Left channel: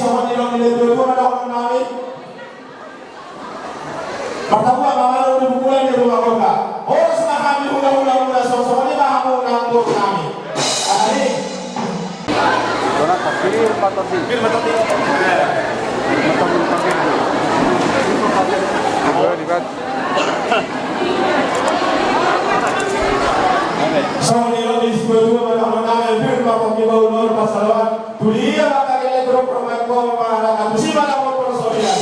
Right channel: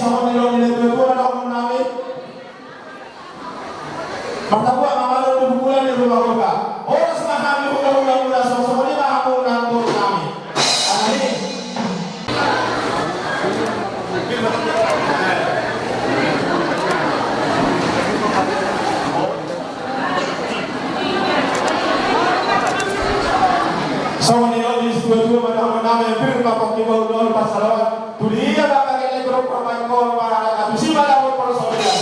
sama nilong nilai dua na ako namin. Magtabuan, mga lalo ni bukulan ni rumah koka. Oras na kami hula-hula mula sa sama ni mahamu na ang doon namin. Ahali. So, nilong ni dua na ako namin. Pero kapag ibawulor pa sa lawan. Tuliya ba kagilay grup ramay ko mga natusiman ako po sa ulian.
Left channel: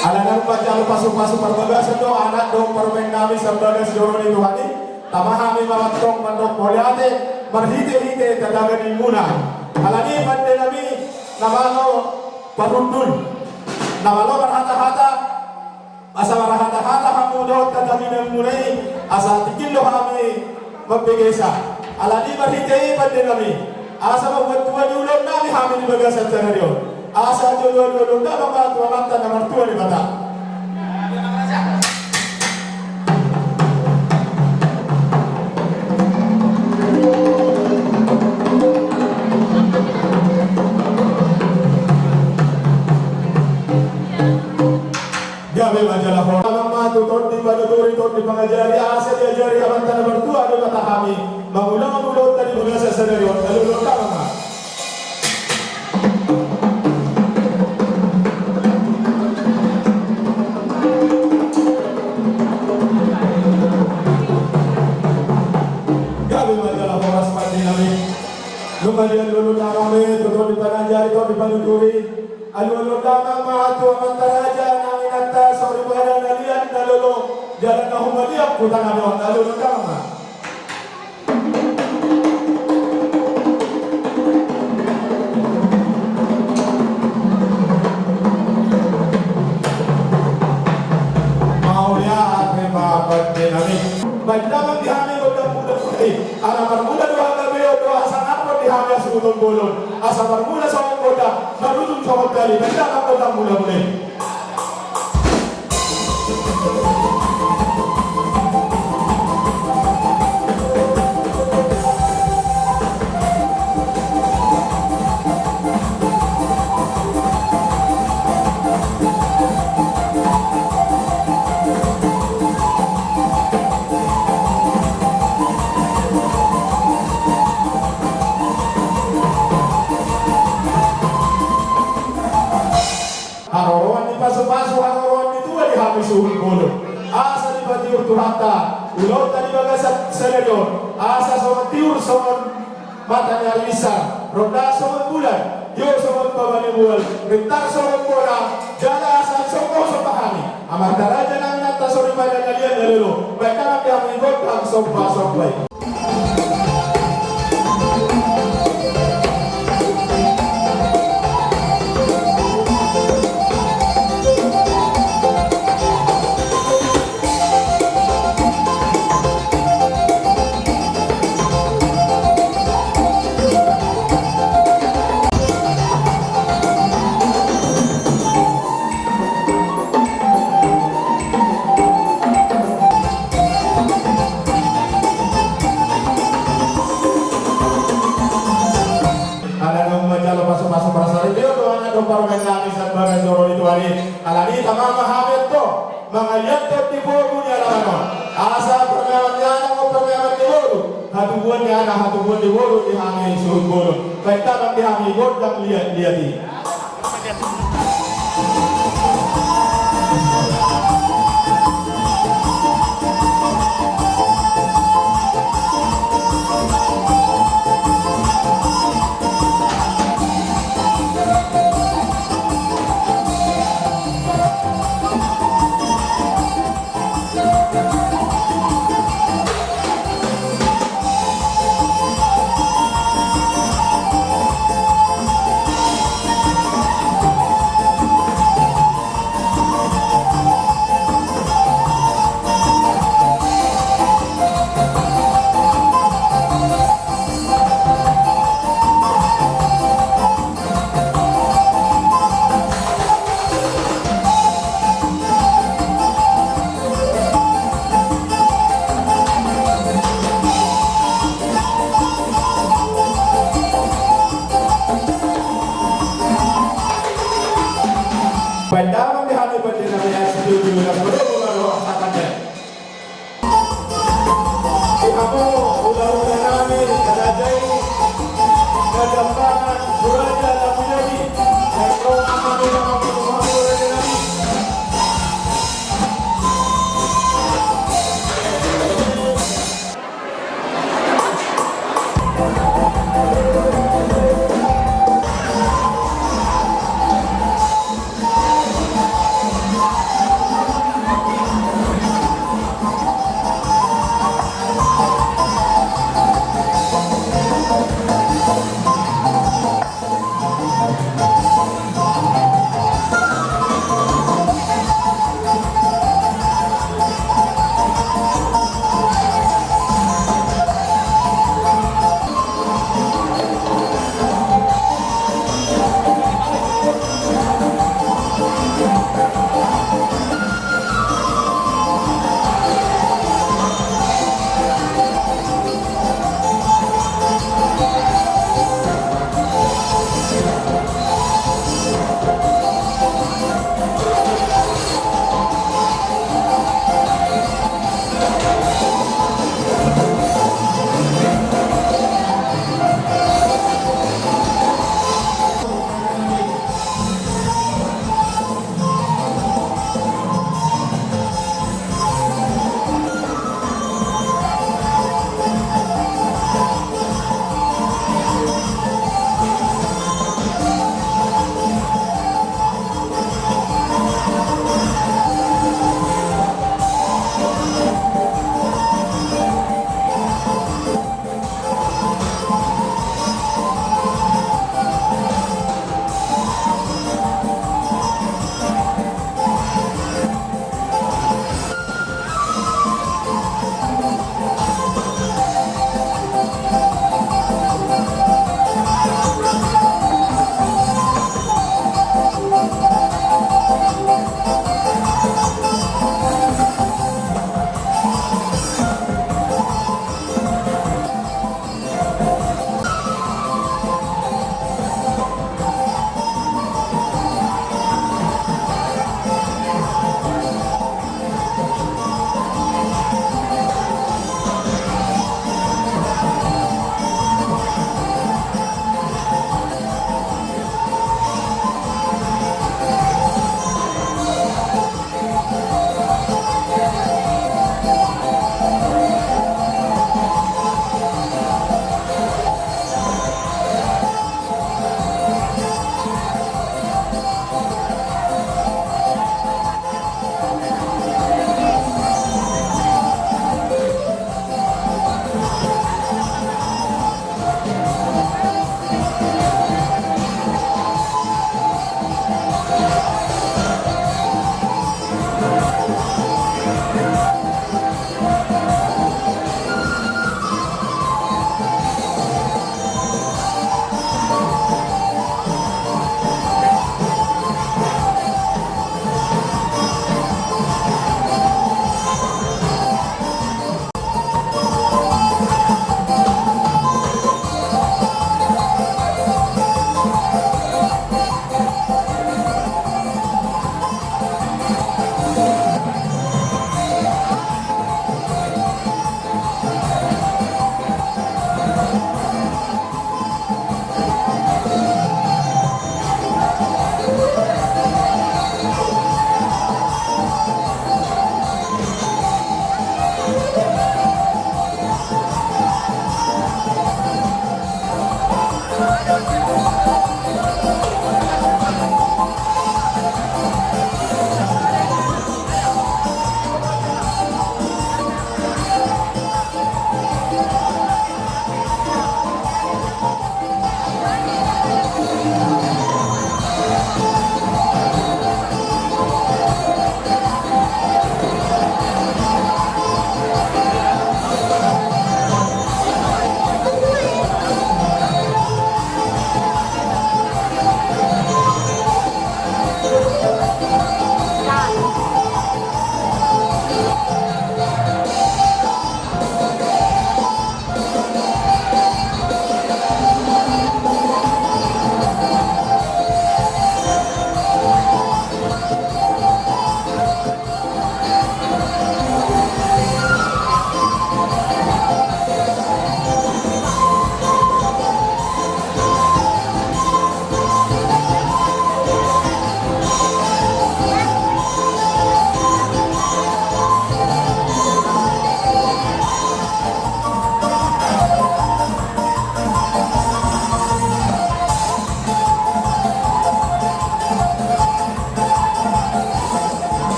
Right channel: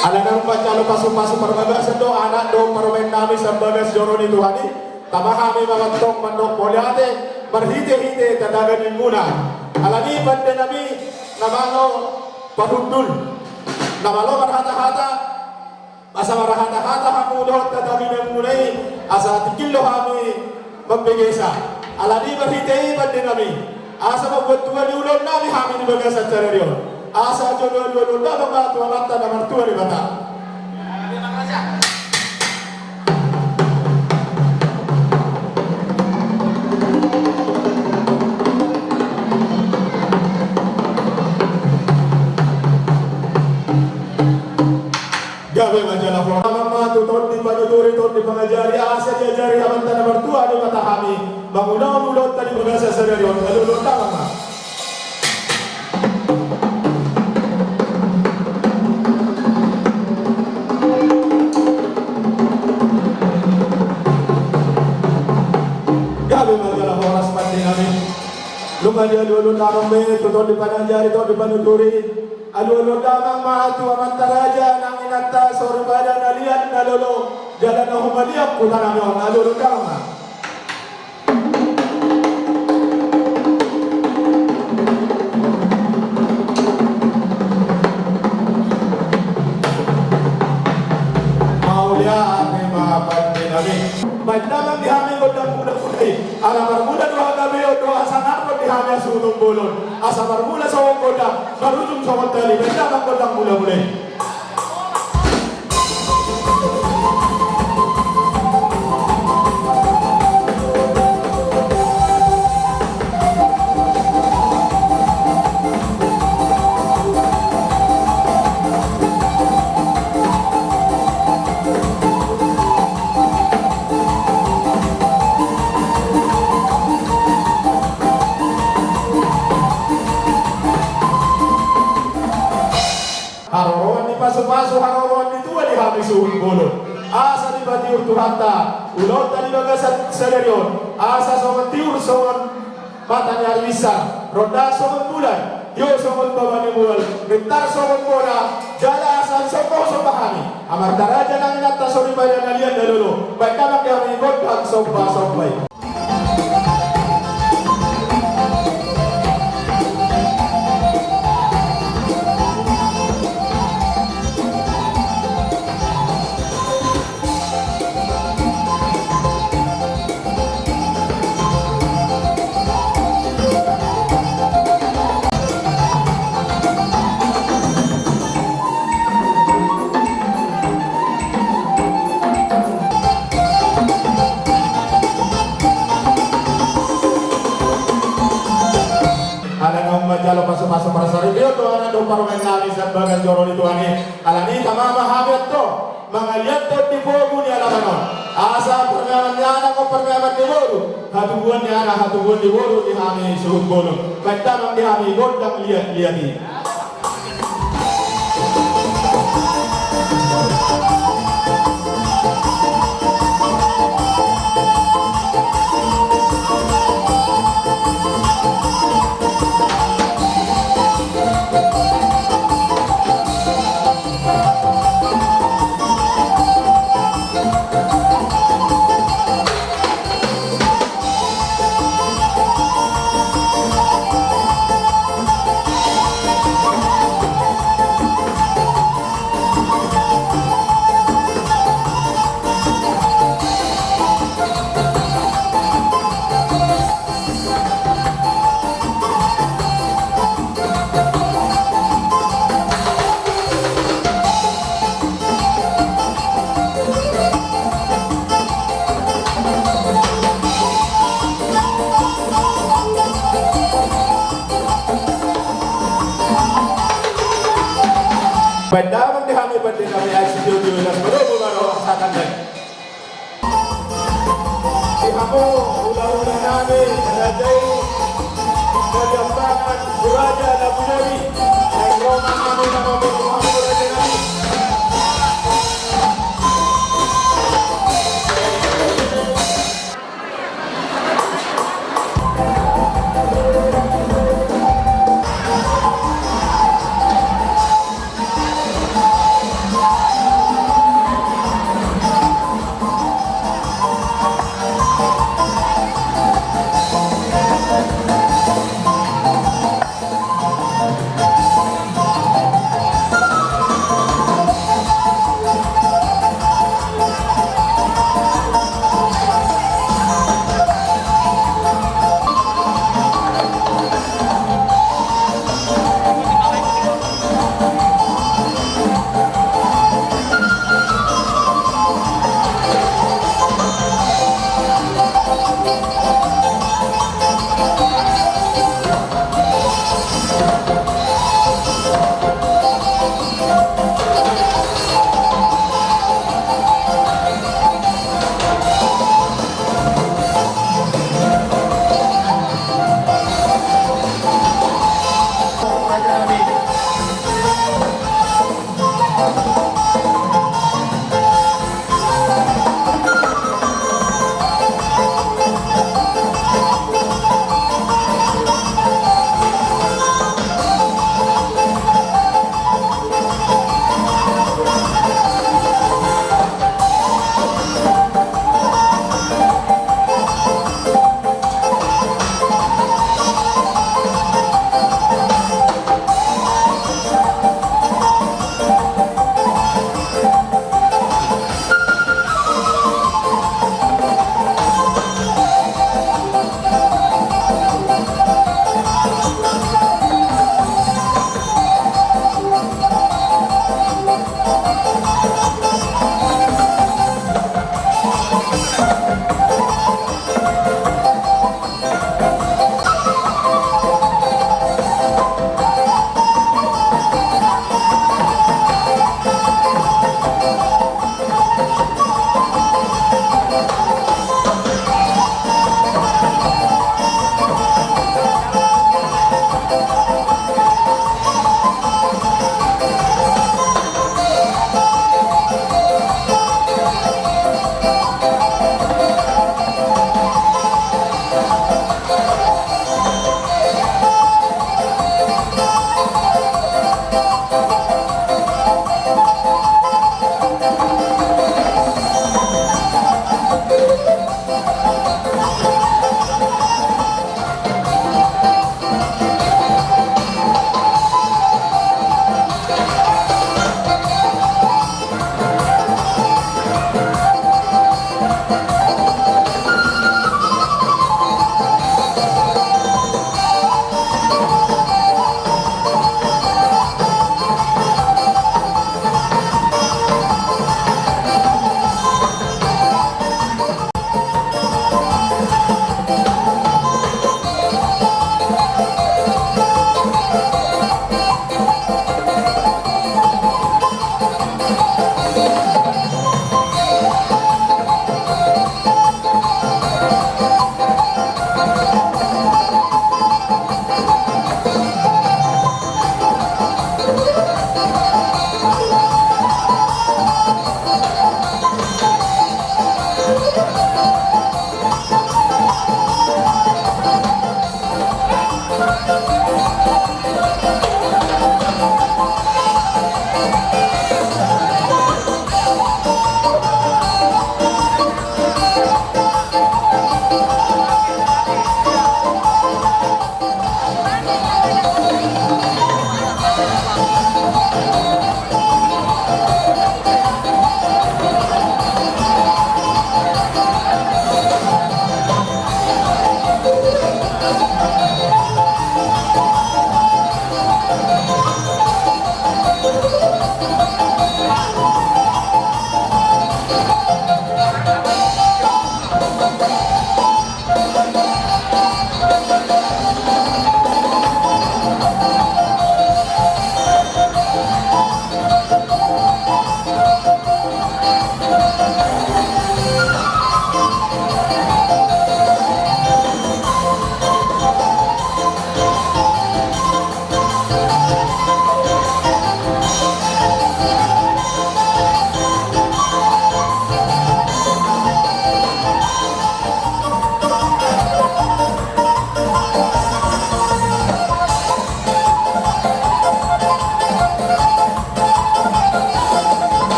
Ala nang pancalo pasok-pasok perbagas do anak do permain namin sa bagas joro ni Tuhan ni tamahami mamantok mandok poliate berhite-hite tadaganin muna alani pande nabi namalo parundul namalo berhata-hata asa berhata-hata kamu do tadaganin mulai asa tikillo kami magbigesa alani berhite pande nabi asa mabuat tuan diulon nabi kami di bagas acara dia asa jodoh-jodoh tak apa tuan mata nomor tua di mata. Gawe majalah formal tutur di panuturi tutur di pengajari asa diajari mata nomor tua di mata kami mengulang-ulang tadi bahasa sederhana lalu tak lama. Lumali alu-alu namang me, tutor di panajari, tutor di panuturi. Alu-alu damang mahatu amantaraja, nang inata, sorbada, nalian, nalolo. Jalan na humaliak, putan namin, alu-alu damang. Mauliat, may mga pagde namin. Magdamang dihamin ko ng muda-muda. Alamar muda doha gabi o doha sanapot dihamya sunong bolon. Asa marmula sa wang koda, marunong sa magdali. Magdamang ko ng mula-mula. Pasok-pasok harawan itu di habis suhul bolon. Asa di batiur tuhanta, ulot tadi bagasat sadarion. Asa sobat tiur sobat matanya bisa. Ronda sobat bulan, yo sobat babani bulan. Bentar sobat bola, jala asa soko sobahani. Amar taraja nang nata sori bayan nalian dalulu. Baik nama kami godang sobat-sobat. Pasok-pasok perasaan dia tuh anak dompar main nangis dan bagai joro itu ani. Alani tamama habet to, mengaliat to di bogu ni alaman. Asa pergawan ni anak ko pergawan di bogu. Hatubuan ni anak hatubuan di bogu di hami suhut bogu. Baiklah di hami godang lihat ni. di kami setuju dan baru rasakan deh. Kamu ulah-ulah kami kerajai kejamparan Suraja Labu Nabi dan Roma kami nama Muhammad Raja Nabi.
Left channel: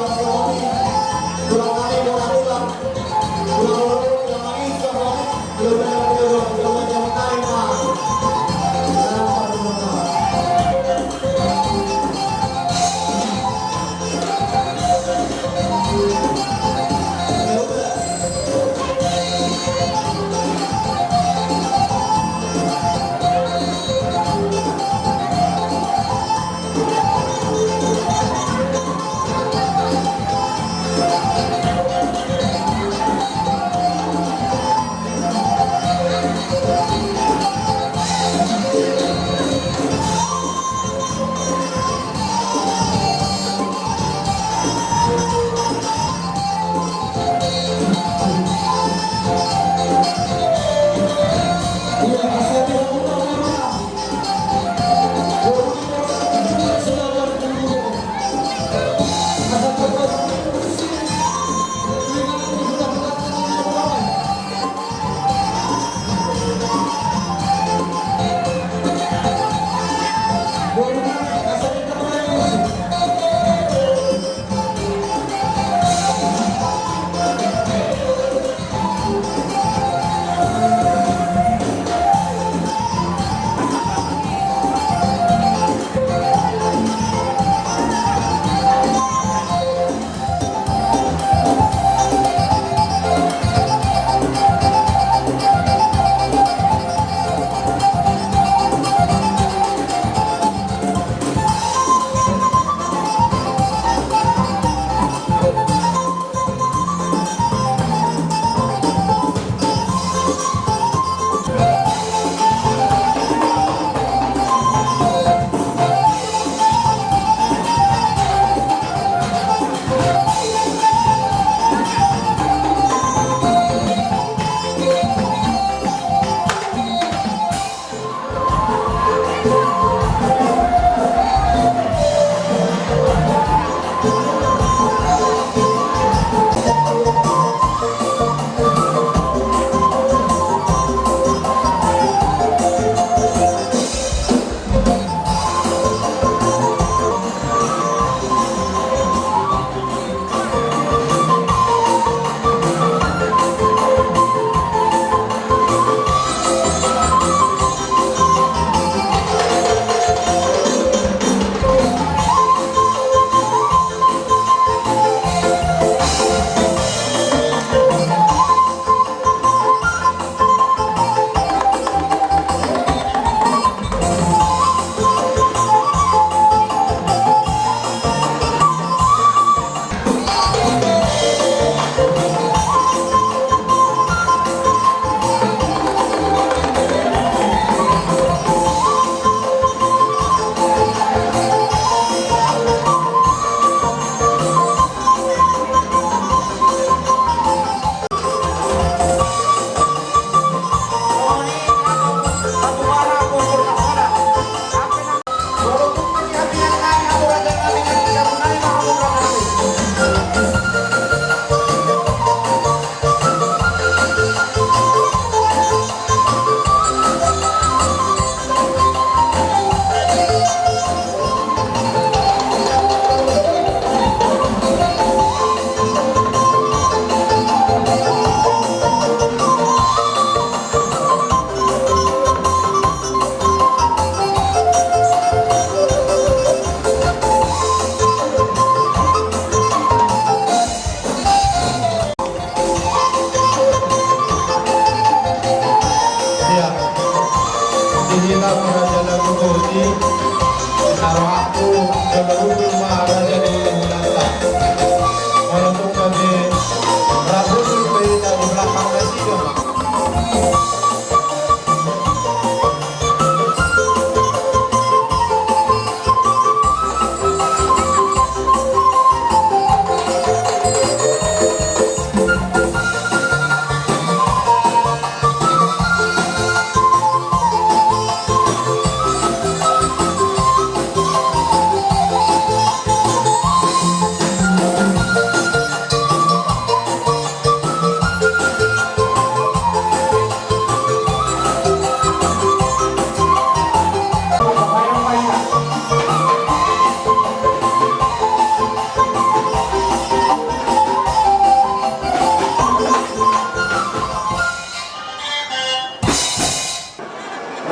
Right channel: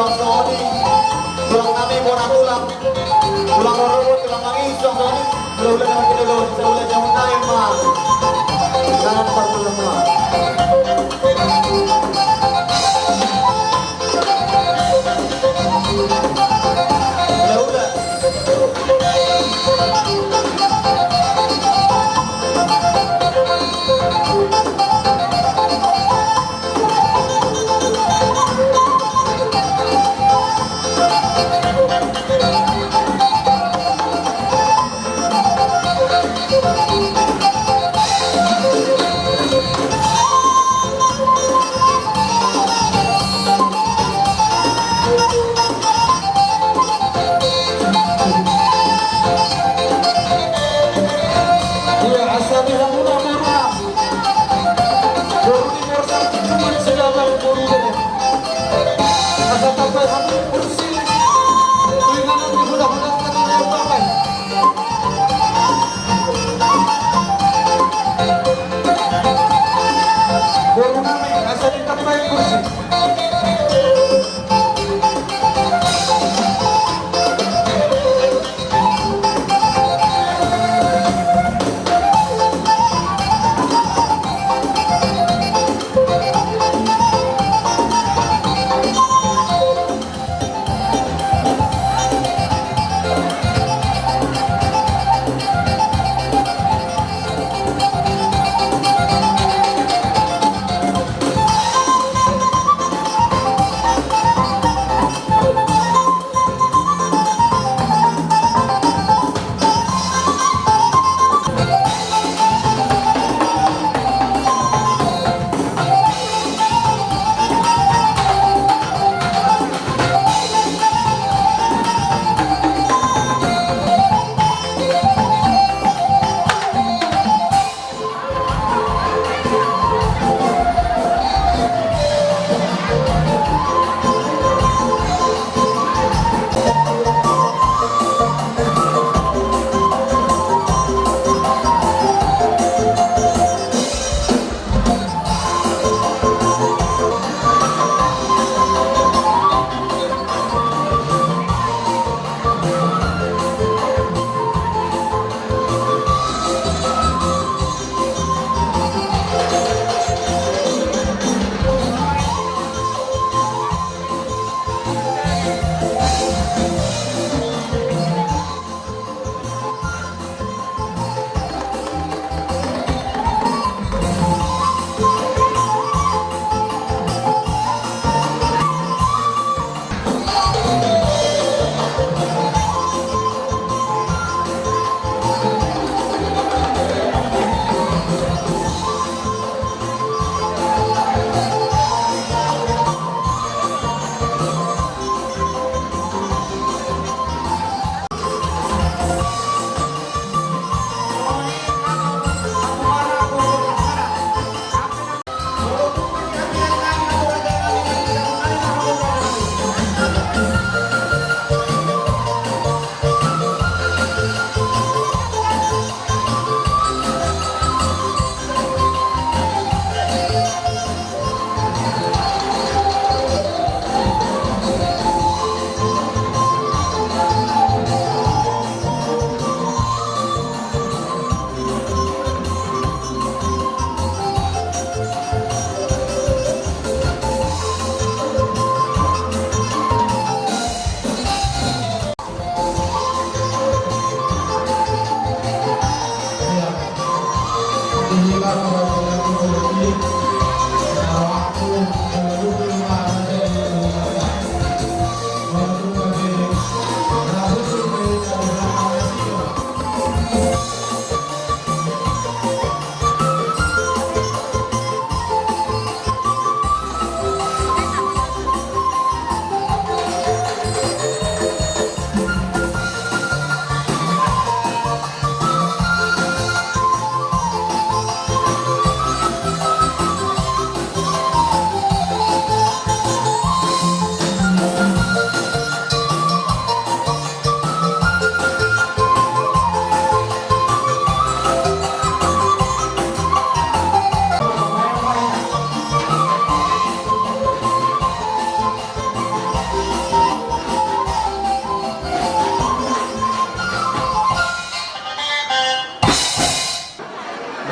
tulang Sony, tulang kami borak tulang, tulang orang tulang kami tulang kami, tulang yang tayo mah, tangan patulang mah.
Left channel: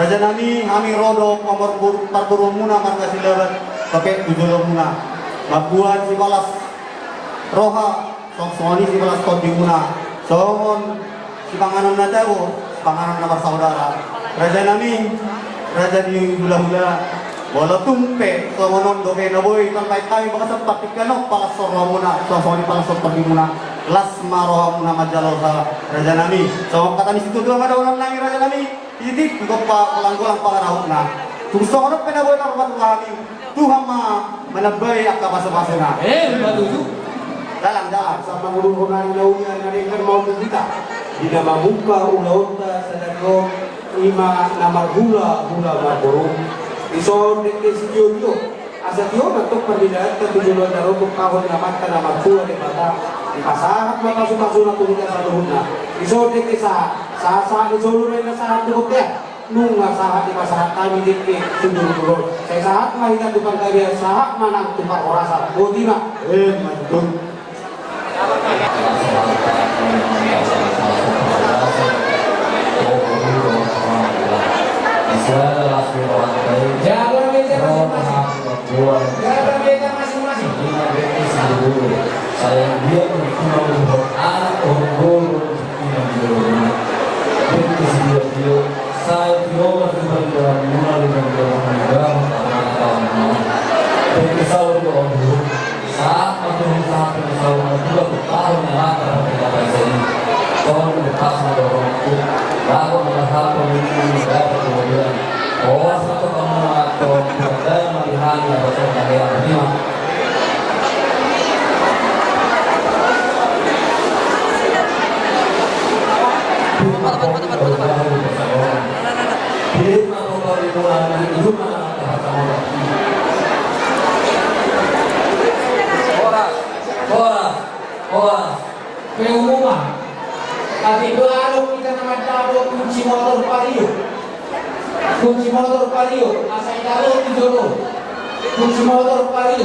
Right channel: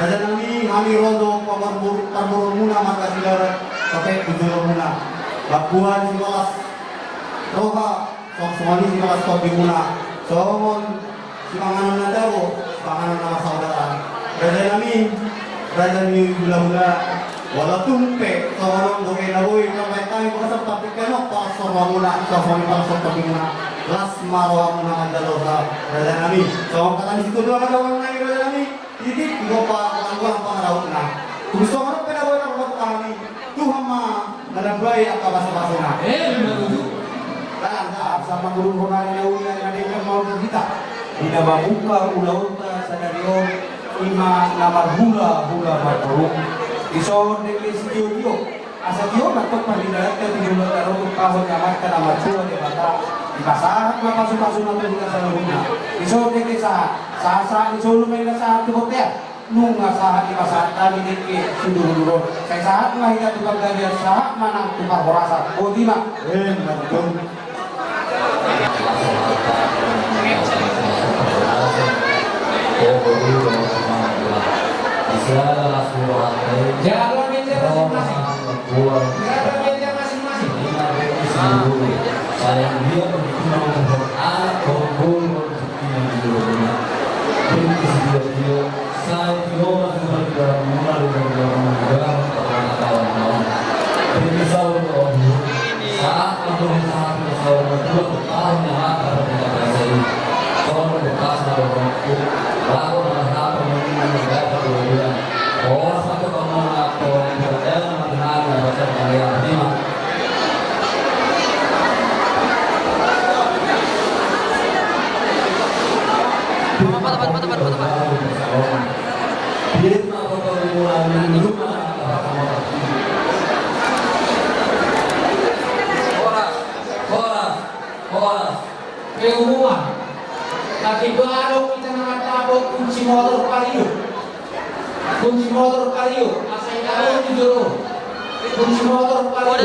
Raja kami rodo parburu muna markasi darat pakai tujuh muna. Bakuan si malas roha, soalnya si malas topi muna. Somon si panganan na daw, panganan na saudara. Raja ni hula-hula. Wala tumpe, somon doge na boy, kamay tayo mga sa patikano, pasor muna, soalnya pasor topi muna. Las maroha muna madalaw sa Raja nami. So kata ni situ dua ada orang nang Raja nami. Jadi juga langguang pangarahon na. Kung gusto ko rin pinabuhay ng mga kami, Tuhan manabay ang kabasa-basa na. Matuju. Lalanda, sa pangulungan na una na rin ang mga kita. Ina mabuka una-una sa nanyo, ima na maghula-hula magurong. Iso din kay si Diyo. Asa Diyo na ito palilat na pinulot na rin kung kahon naman ka na magsuwa ni Mata. Ipasahan na pasok-pasok na pinulot sa luna. Iso din kay sa iso lumay na sa ating hotel. Nung sa ipasahan kami din kay Sundurulot. Kaya sa hak mahiya dupang kaya sa hak manang tumpar orasan. O di ba? Jangan beda masing-masing. Sayang dia berikut anak orang saya tidak masih berjalan mulai dengan orang saat saat dua tahun yang akan kita pelajari kalau bekas orang itu lalu merasa pemimpin negara kemudian bahwa satu kamu atau berdaya melihat bahasa kalian terima. Pengumuman. Tapi baru kita nama tahu kunci motor Palio. Kunci motor Palio. Asal tahu di dulu. Kunci motor Palio.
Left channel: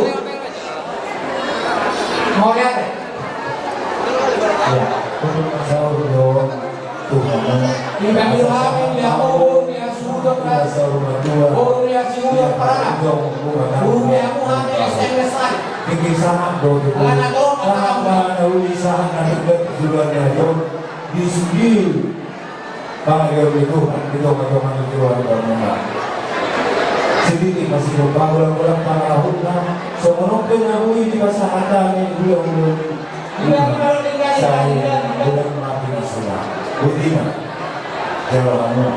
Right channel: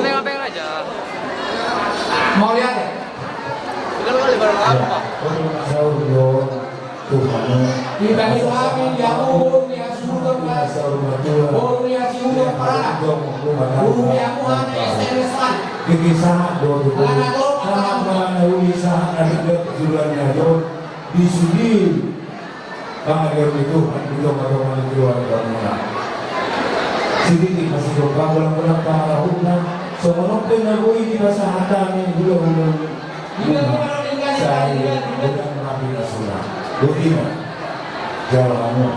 Mau lihat? Di kami kami ya oh ya sudah oh ya sudah parah. Ya Tuhan SMS an. Kikisahan doon ito. Karena ulisahan anak jualannya jauh disudil. Bangga itu kadoman keluarga mereka. Sedikit masih lupa ulang-ulang para tahunnya. Semoga pengaruhi di masa ada ni bulan-bulan. Saya bulan Nabi Rasulullah. Bagaimana jawabannya?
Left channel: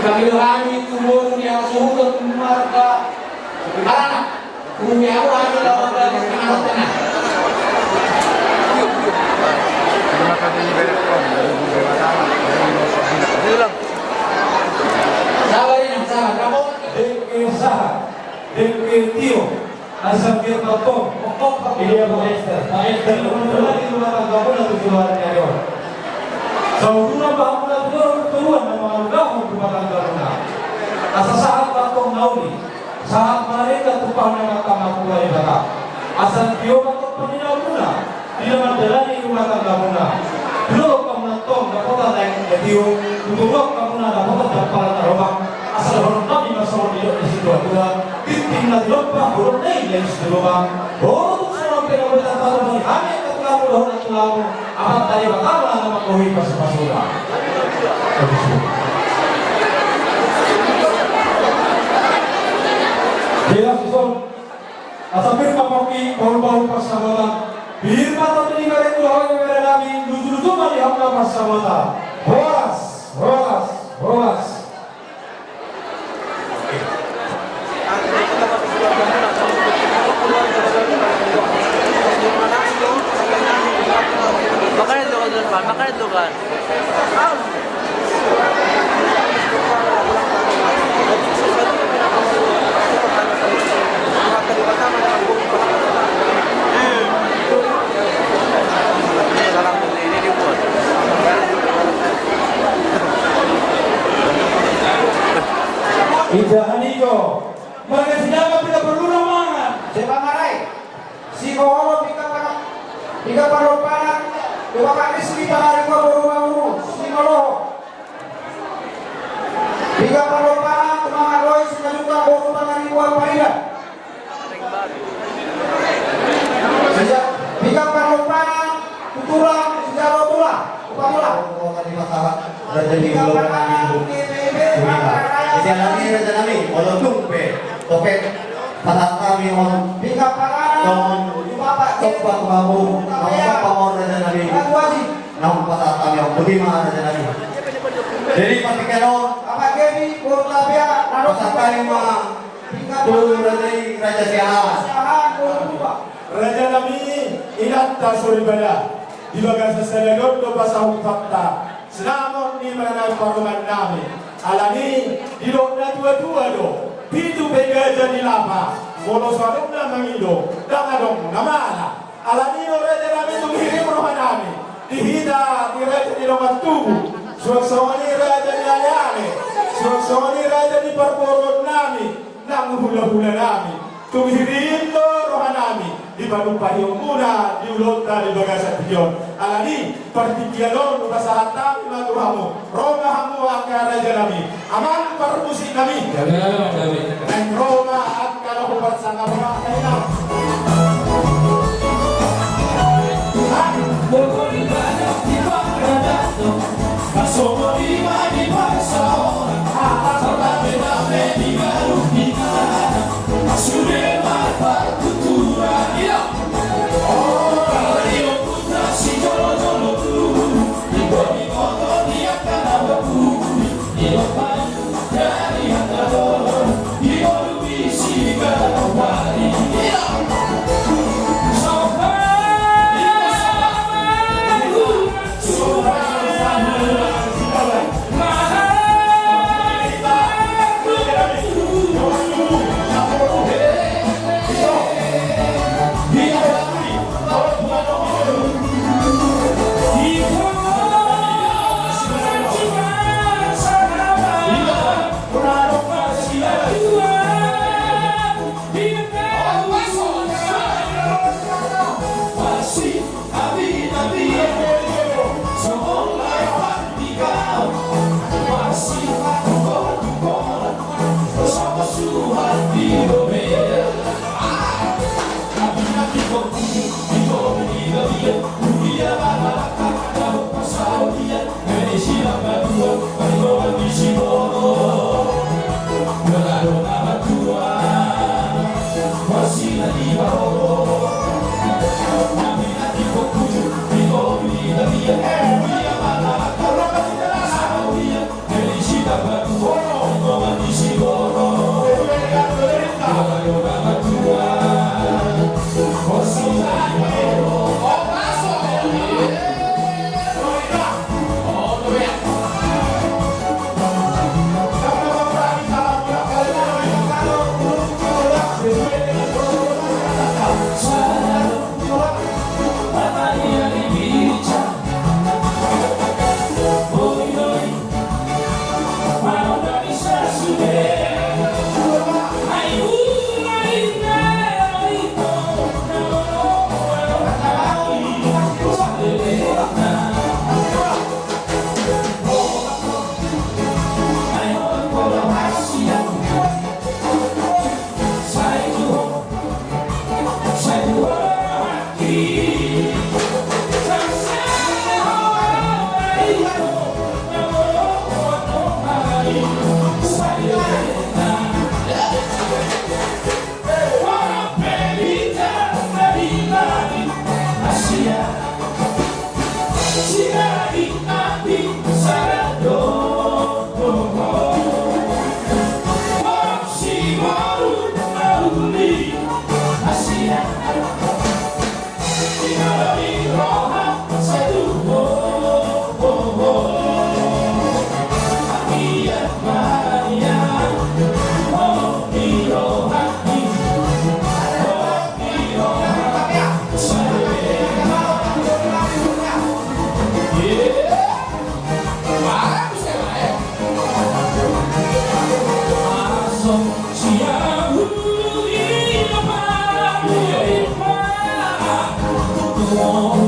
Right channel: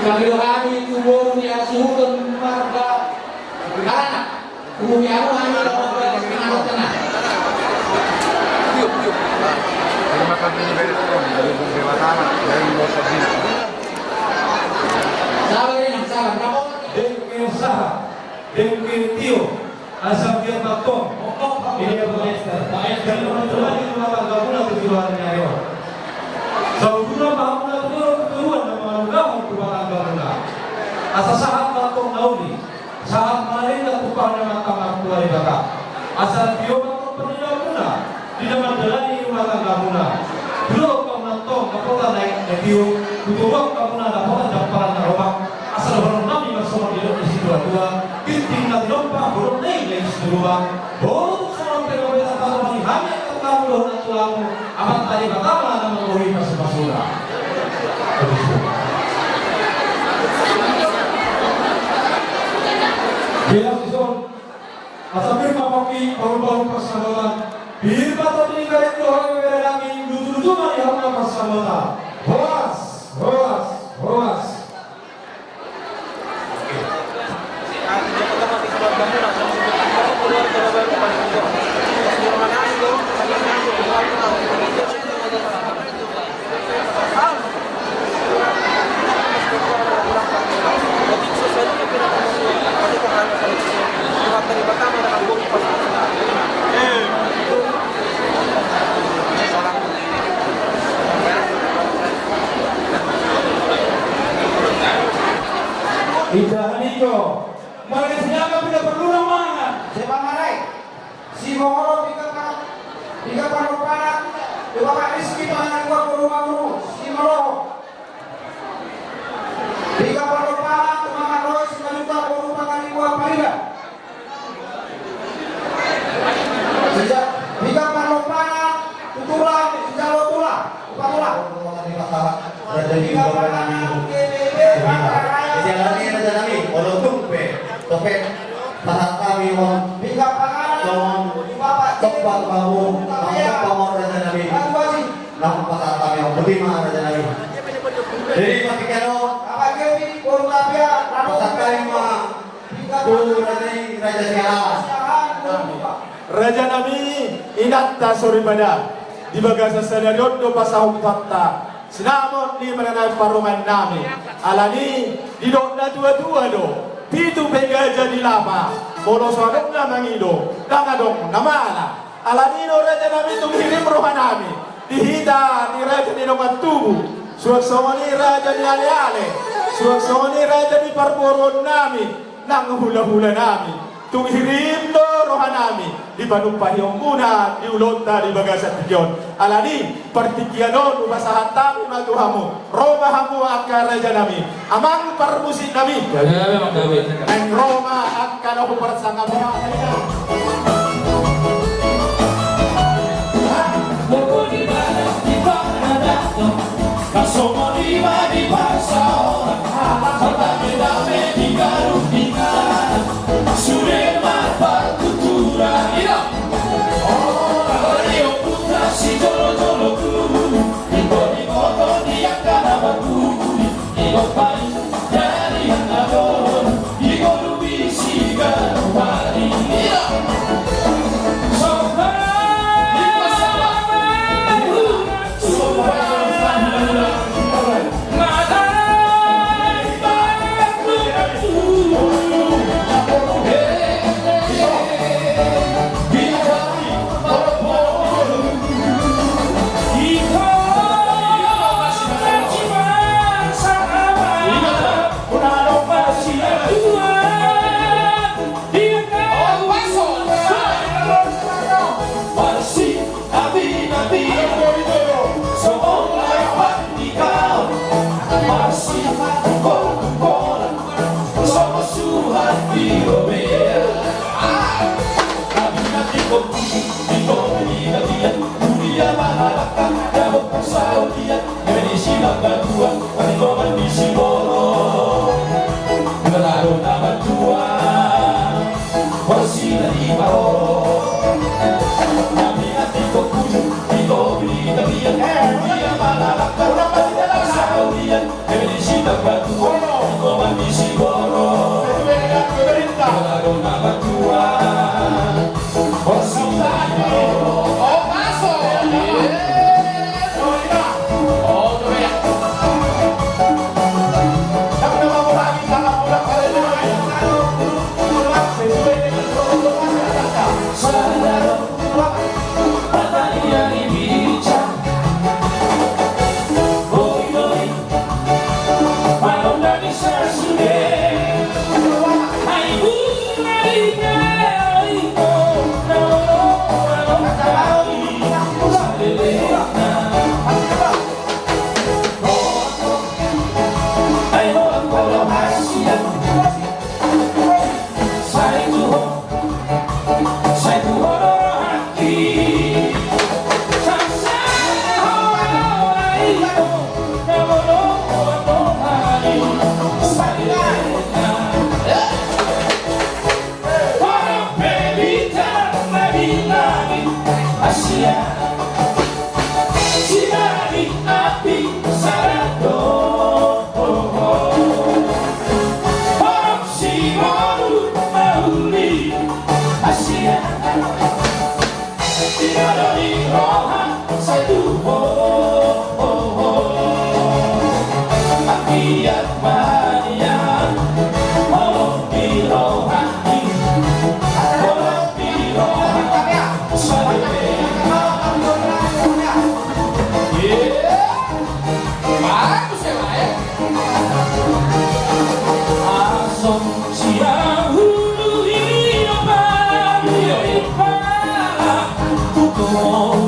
Kami kami kubur yang sudah keluarga. Anak, bumi aku hanya lawan dengan tengah. Terima kasih banyak dari Bung Dewatana dari Nusa Tenggara. Sabar ini, sabar. Dengke Tio, asal dia tahu. Dia Maester. Maester teman-teman di rumah tangga pun atau jualannya dia. Saudara bahagia tuan nama udah rumah tangga pun. Asal saat tahu nauli. Saat mereka kupangnya mahkamah kuala ibadah asal dia atau penyedia muna tidak menjalani rumah tangga muna belum kamu nonton dapat naik jadi untuk kamu dapat dapat rumah asal baru nabi masuk dia di situ dua pinting nanti lupa baru naik di situ rumah baru sampai kita tahu lagi hanya terlalu lama terlalu amat tadi bagaimana nama menguhi pas-pasura. Jelas itu, asal pamoki baru-baru persahabatan. Birma tadi kalian dua orang yang berani duduk-duduk mari hamil persahabatan. Hoas. Tidak Niko, mereka senjata tidak perlu nama. Sebangarai, si bohong tiga paruh panas, dua kali sekitar hari gua berumah si molo. Parida. Sejak hingga Parlopana, Tuturang, Jawa Bola, Upamola. Tadi masalah Raja di Pulau Nami. Jalannya Raja Nami, walau tumpe, topet, pahat kami mohon. Hingga Panganan, Bapak Tepat kamu, nama pamor Raja Nami. Nama pahat kami mohon. Bagaimana Raja Nami? Jadi Pak Keno, Apa Gemi, Kurlabia, pasakali ma, tu Raja Siaha. Raja Nami inatta soribada di bagasa senador do pasahuk fakta senamon di mengenai paruman nami alani di dokna dua-dua do pitu pega jadi lapa bolos warung na mangido dangadong namala alani no Raja Nami tu kirim rohan nami dihita di Raja di domat tubuh suasoni Raja di ale-ale suasoni Raja di parporon nami nang hula-hula nami tunghirin do rohan nami di Panumpahiyong muna, di Ulota, di Bagasan Piyon. Alani, partikianon, ubasahan kami maguhamu. Roma hamu akan Raja Nami. Amang parmusik nami. Ang Roma at kanahupat sa Roma.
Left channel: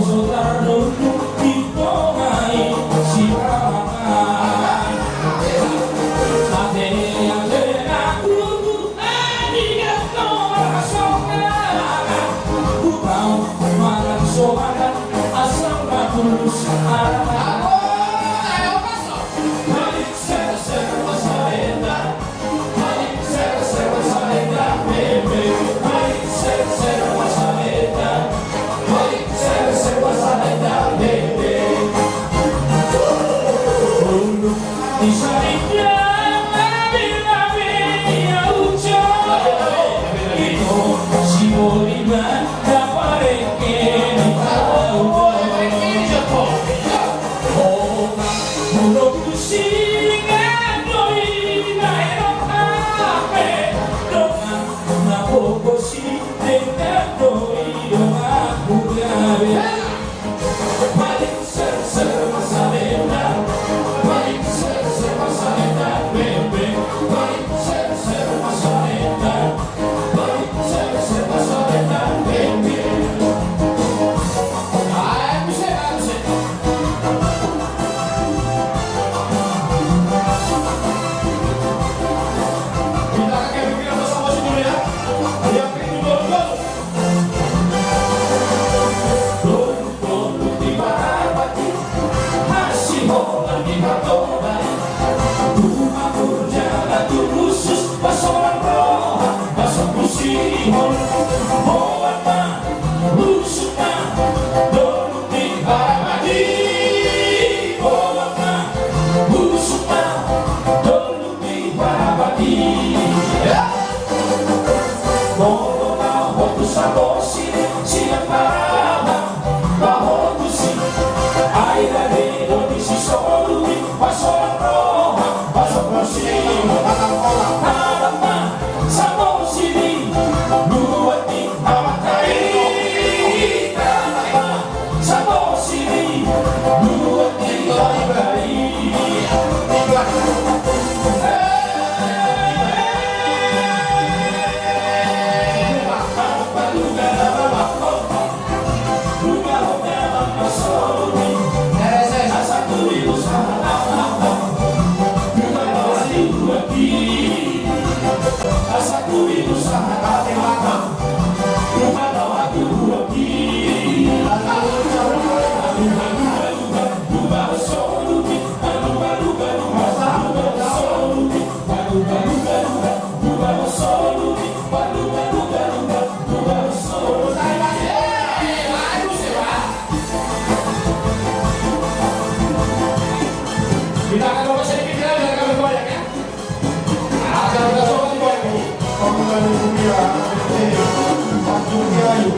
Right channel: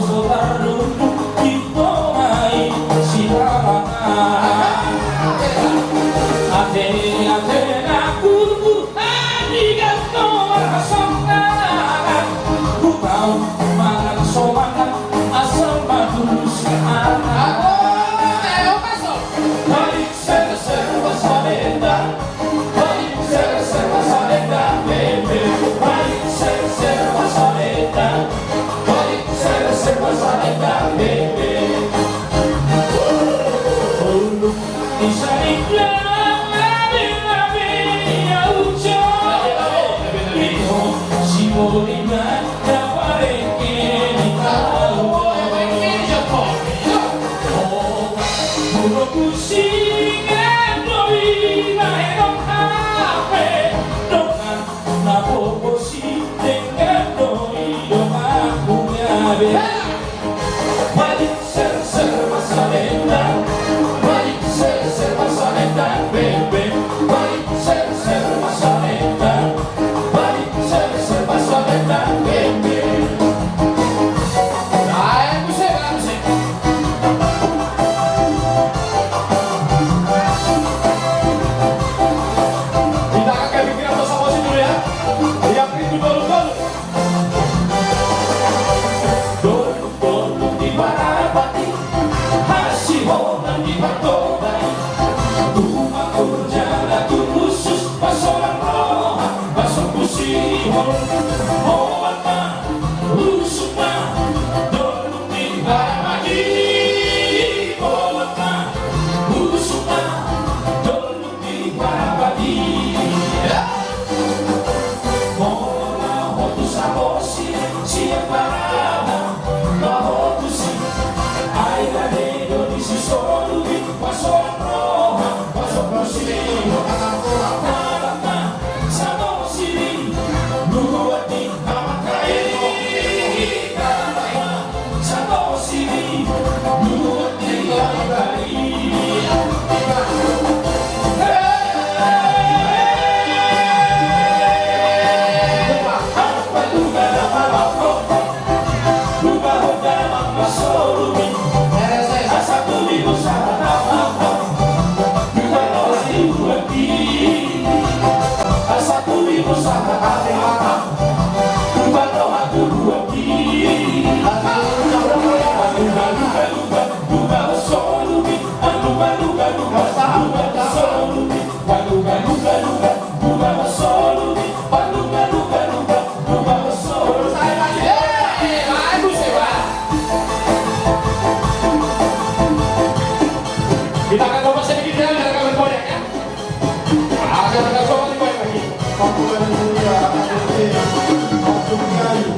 Saudara Kita akan coba sedikit jalan dengan kami semua ya. Akan ada soal di bawah lagi. Panggilan dunia, waktu mengayu.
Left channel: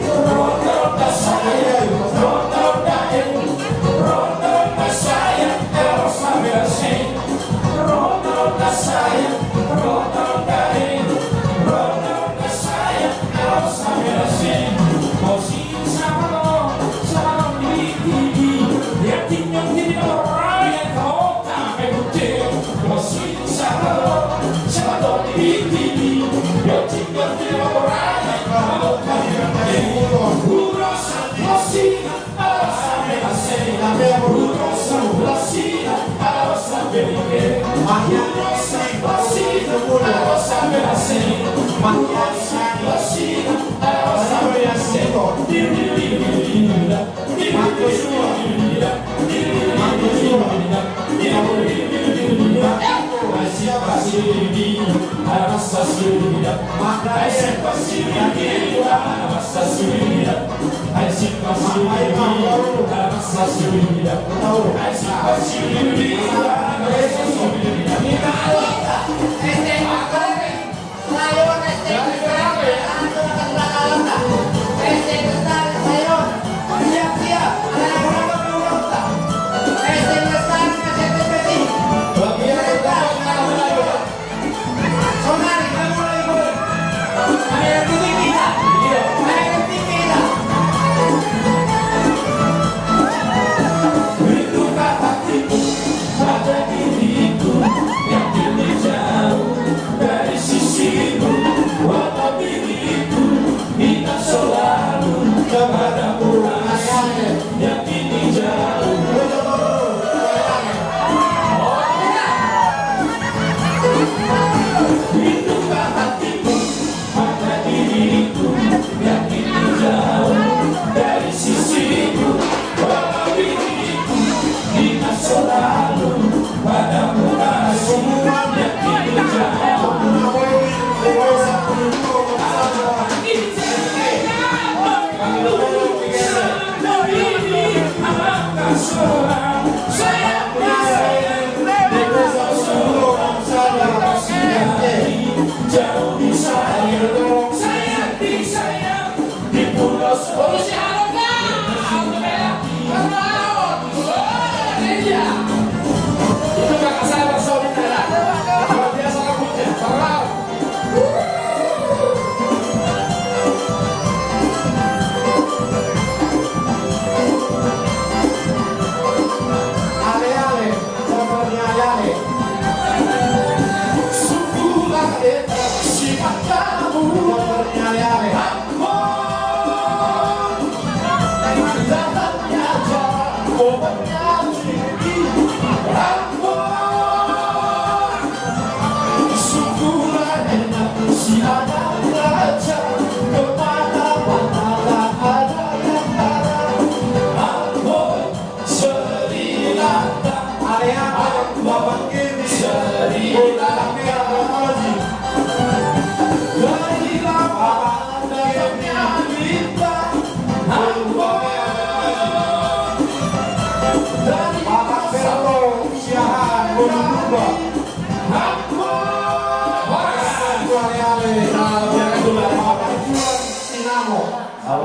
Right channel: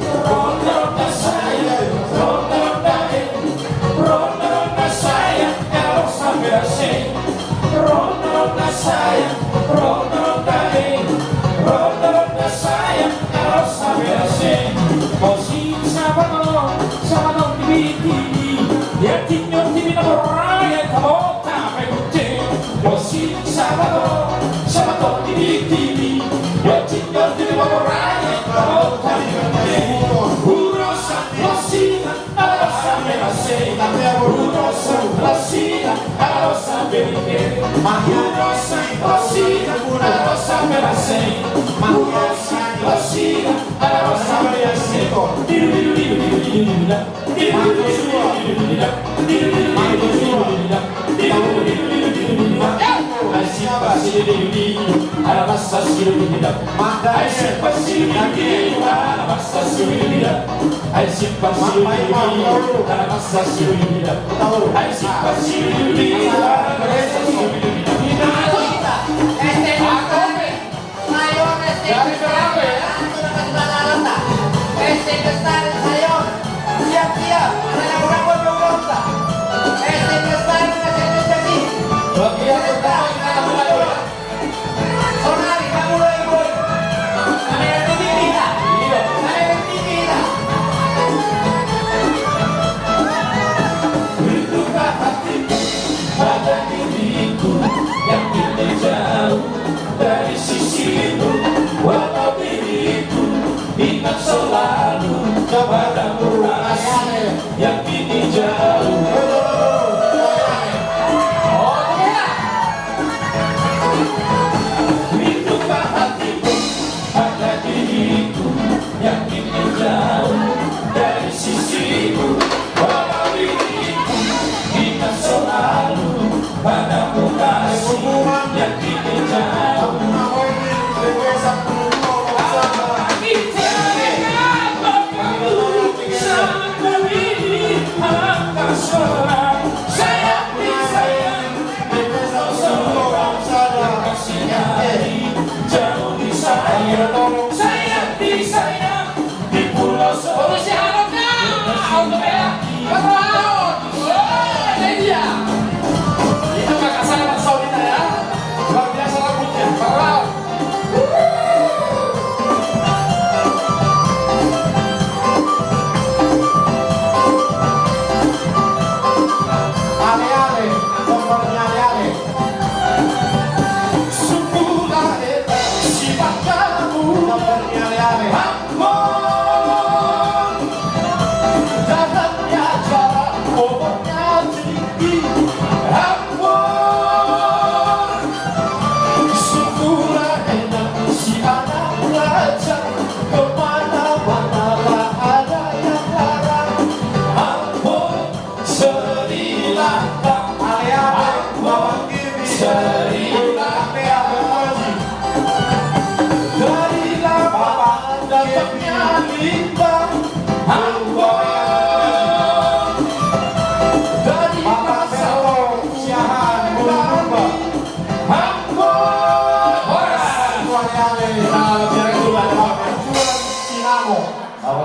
Pada diriku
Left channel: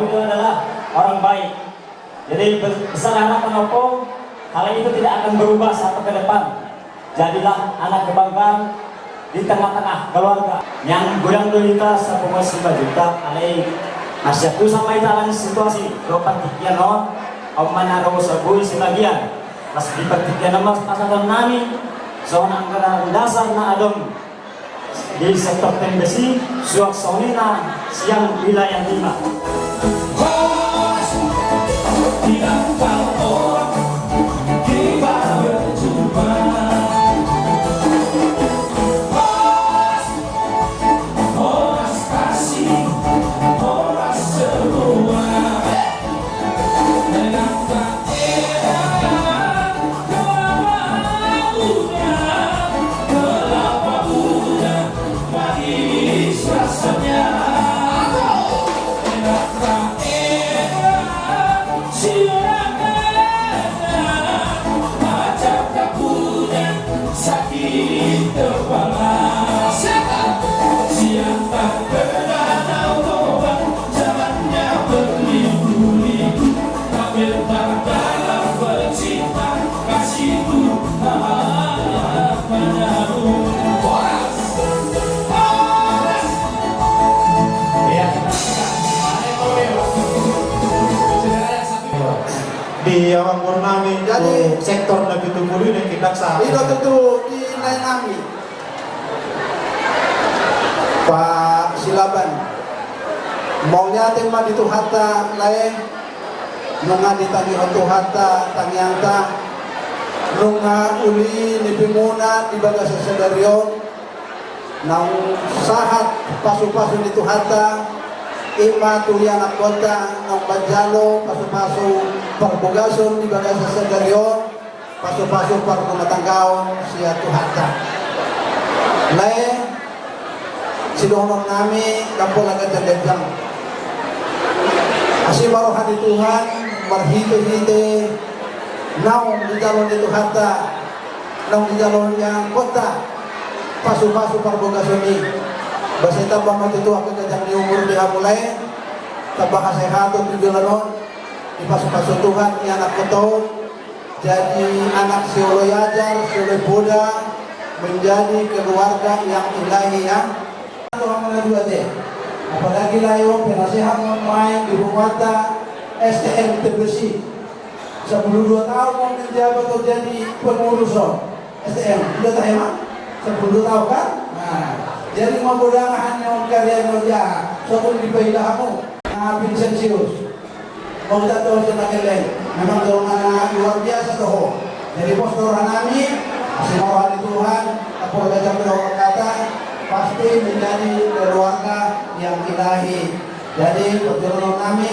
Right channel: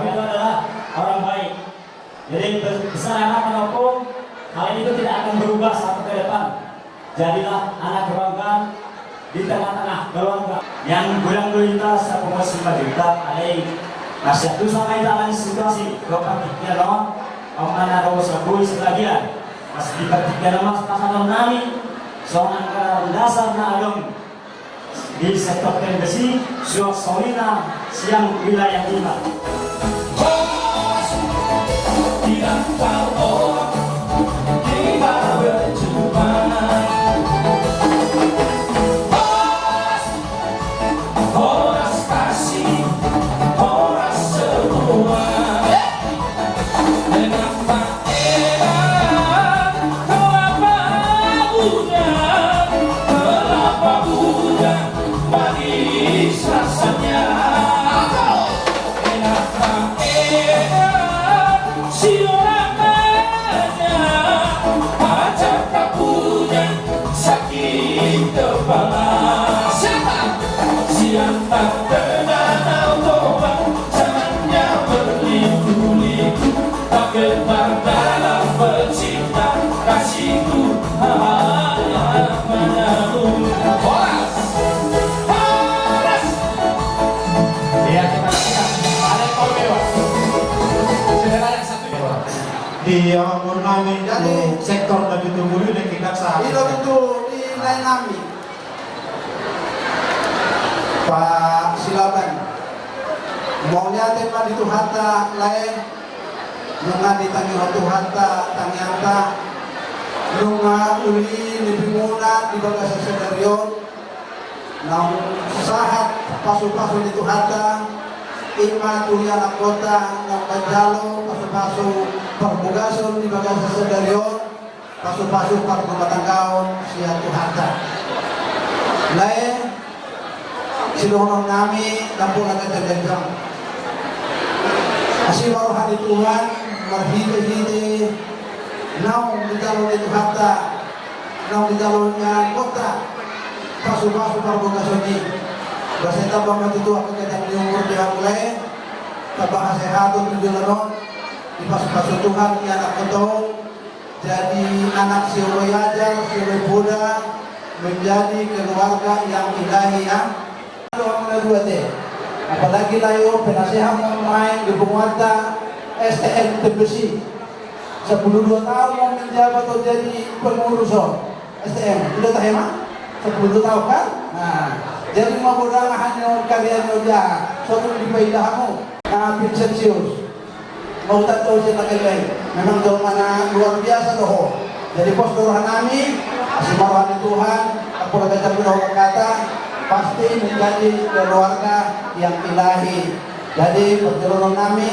Kamu itu adalah orang baik. Jadi pesan anak menopong, hal itu tidak akan berubah sampai ke depan. Jadilah anak kebanggaan di tengah-tengah keluarga yang goyang gulita sa pumasipa juta alay asyatu sama italan situasi ropan tikyan non o manaro sa buhay sa lagyan mas dipatikyan naman sa kasalan namin so ang dasar na agam di sektor tenggasi suwak saunina siyang wilayah 5. Di orang namin Jadi, sektor na ditunggu dan kita sa Ito tutu di lain kami. Pak Silaban. Maunya tema di Tuhata lain. Nunga di Tangi Tuhata Tangyanta. Nunga uli ni Bimuna di Bagasa Sedarion. Nang sahat pasu-pasu di Tuhata. Ima tulian anak kota nang Banjalo pasu-pasu perbugasun di Bagasa Sedarion. Pasu-pasu para kumatanggaon siya Tuhata. Lain sinuhunong nami kampung agad terdengang. Asih baruhan di Tuhan marhite-hite naung di jalon di Tuhata naung di jalonnya kota pasu-pasu perbugasun ini. Basta tambah mati tua kekejang di umur dia mulai tambah sehat di jalanon di pasu-pasu Tuhan ni anak ketau jadi anak siolo yajar, siolo Buddha menjadi keluarga yang ilahi ya. Apalagi layo penasehat main di Bungwata STM Tebesi 12 tahun mau menjabat atau jadi pengurus STM udah tahu emang 10 tahun kan? Nah jadi mau mudah-mudahan yang karya noja suatu dipaidahamu nah Vincentius mau tak tahu cerita lain memang dorongan luar biasa tuh jadi pos dorongan kami semua Tuhan aku baca dorongan kata pasti menjadi keluarga yang ilahi jadi perjalanan kami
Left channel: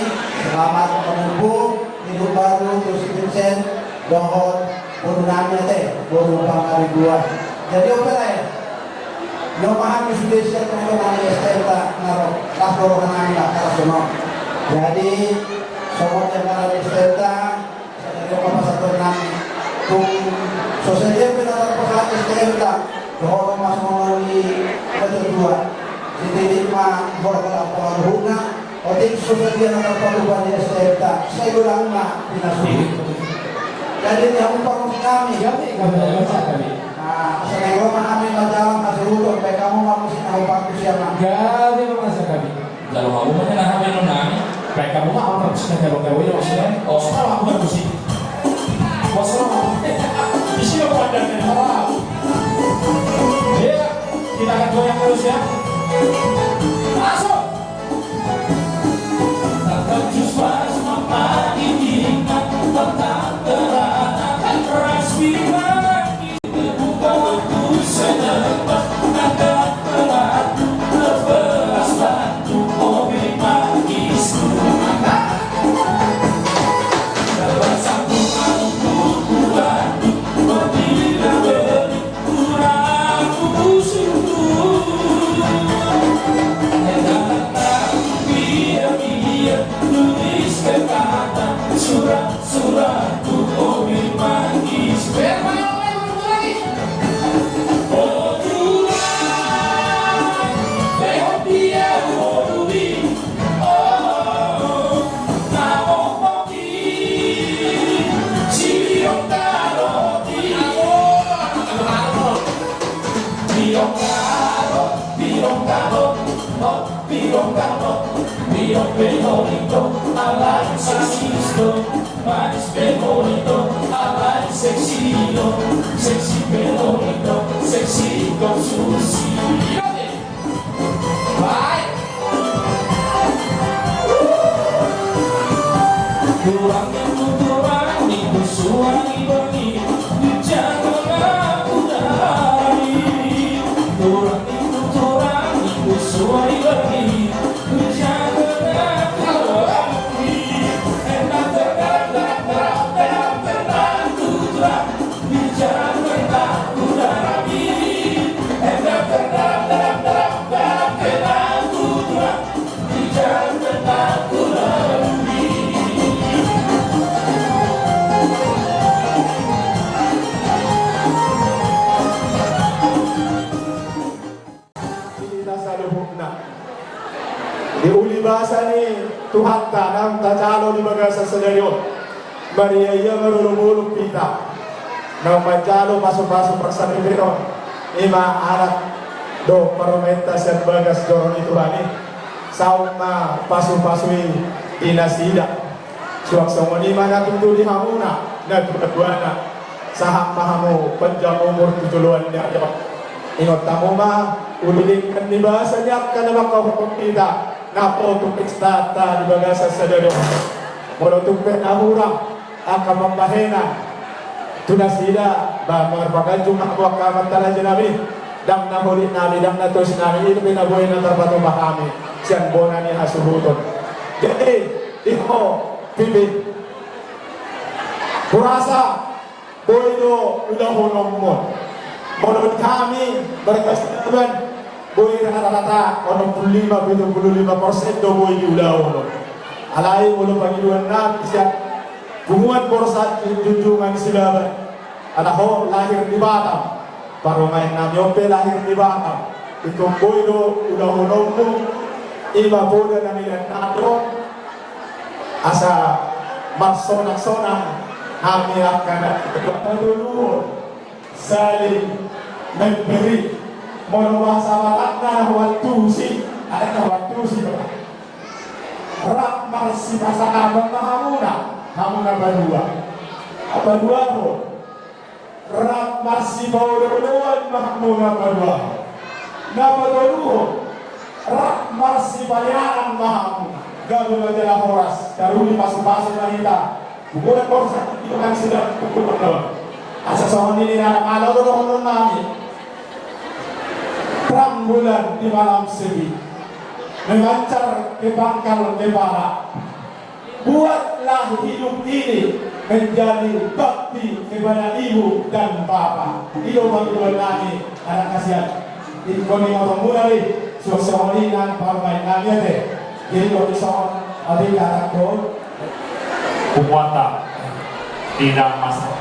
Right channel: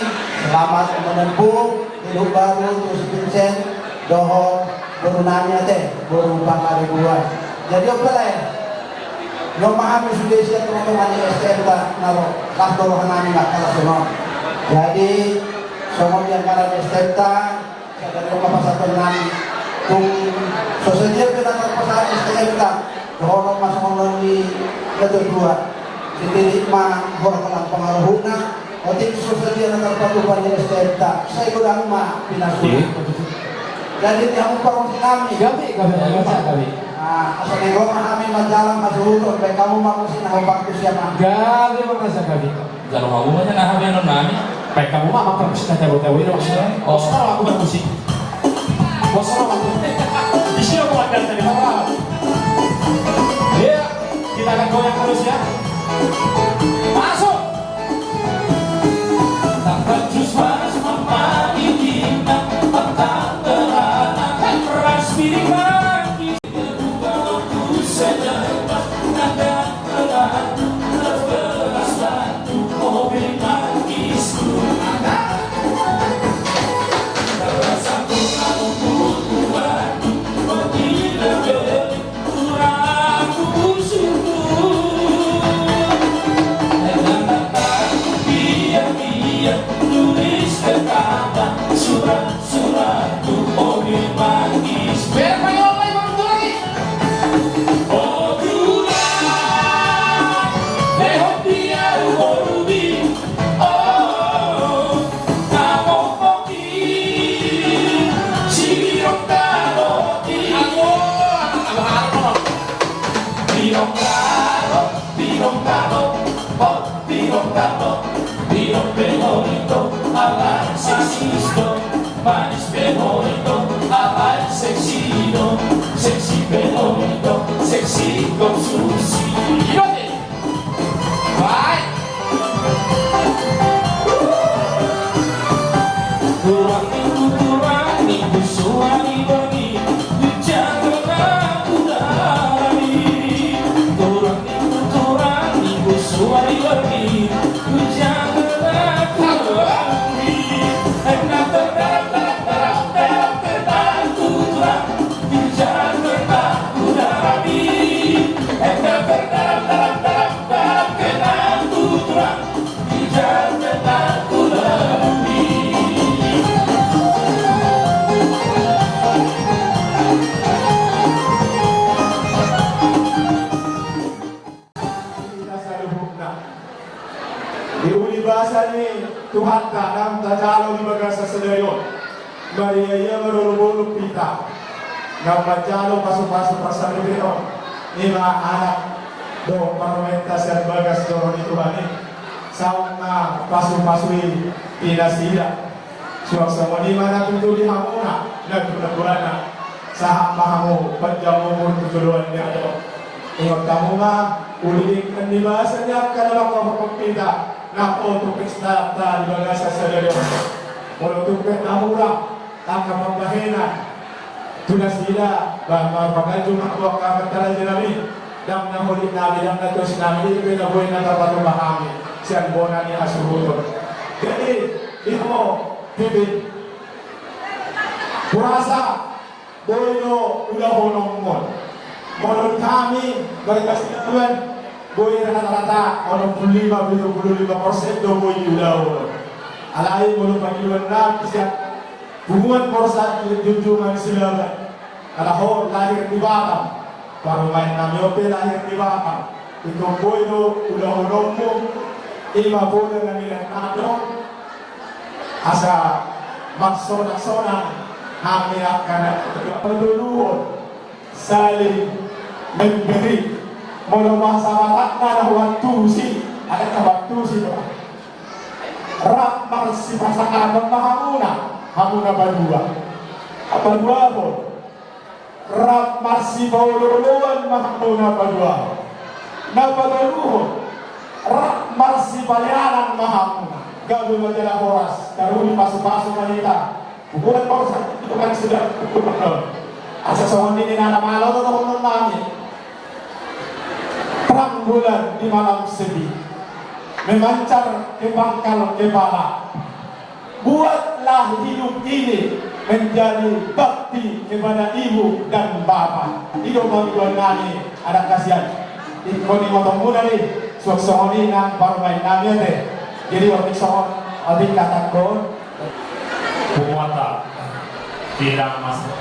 selamat menempuh hidup baru terus Vincent dohon turunannya teh berumpang kali buat jadi apa ya yang paham sudah siap teman-teman di STM naruh kantor kami lah kata semua. Jadi semua yang ada di STM dari kapasitas tenang, tung sosialnya benar benar STM orang masuk melalui kedua, jadi lima orang pengaruhnya, otik sosialnya yang terpaduan di STM saya kurang mah pinasuh. Jadi yang perlu kami, kami. Nah, asal kami majalah masuk baik kamu mau sih nak pakai siapa? Gabi masa gabi. Kalau mau mana nak hamil nami? Baik kamu mah apa sih kata kata wira maksudnya? Oh, sekolah aku musik. Masalah aku. Di sini aku ada tadi apa? Ya, kita akan goyang terus ya. Masuk. Tangkap jus pas mama ini nak tentang terang keras pilih. Surat-suratku mobil manggis oh Tuhan lehok dia oh Diulibasa ni Tuhan tanam tajalo di bagasa sedario Maria yang merulubulu pita na majalo pasok-pasok persanipino ima anak do paromenta sa bagas doron ito bani saong na pasok-pasok pinasida suwang-suwang lima na tuntuli hamuna nagpagbuana sa mahamu panjang umur tutuluan niya ingot tamu ma uliling kanibasa niya ka naman kapapagpita na autopix tata di bagasa sa dado mula tumpet na mura ang kapapahena tunas nila bakar pagkanjong nakuha kamantala din namin dam na huli namin dam na tos namin ito pinabuhay na tapatumah kami siyang bona ni asuruton jadi iho pipit kurasa boyo udah honong mo menurut kami berkesempatan boy rata-rata 75% do boy udah alai mulu panggiluan na bisa hubungan porsat junjungan silaban alaho lahir di Batam parumay na myope lahir di Batam itu boy do udah honong mo ima boy na nilang nato asa maksona-sona kami akan menurut saling memberi menambah sahabat na waktu si ada waktu si rak marsi pasangan mahamuna hamuna berdua po rak marsi bawuluan mahamuna berdua napaduluhon rak marsi balianan mahamuna gabung adalah horas karuni masuk-masuk wanita hubungan korsa itu kan sudah cukup benar asa sohon ini anak malau itu untuk nami terang bulan di malam sedih memancar ke pangkal ke barat buatlah hidup ini menjadi bakti kepada ibu dan bapak hidup bagi nami anak kasihan ikoni motong muda nih sohon ini nan parmain nami deh jadi waktu sohon abis katakan Kumuata tidak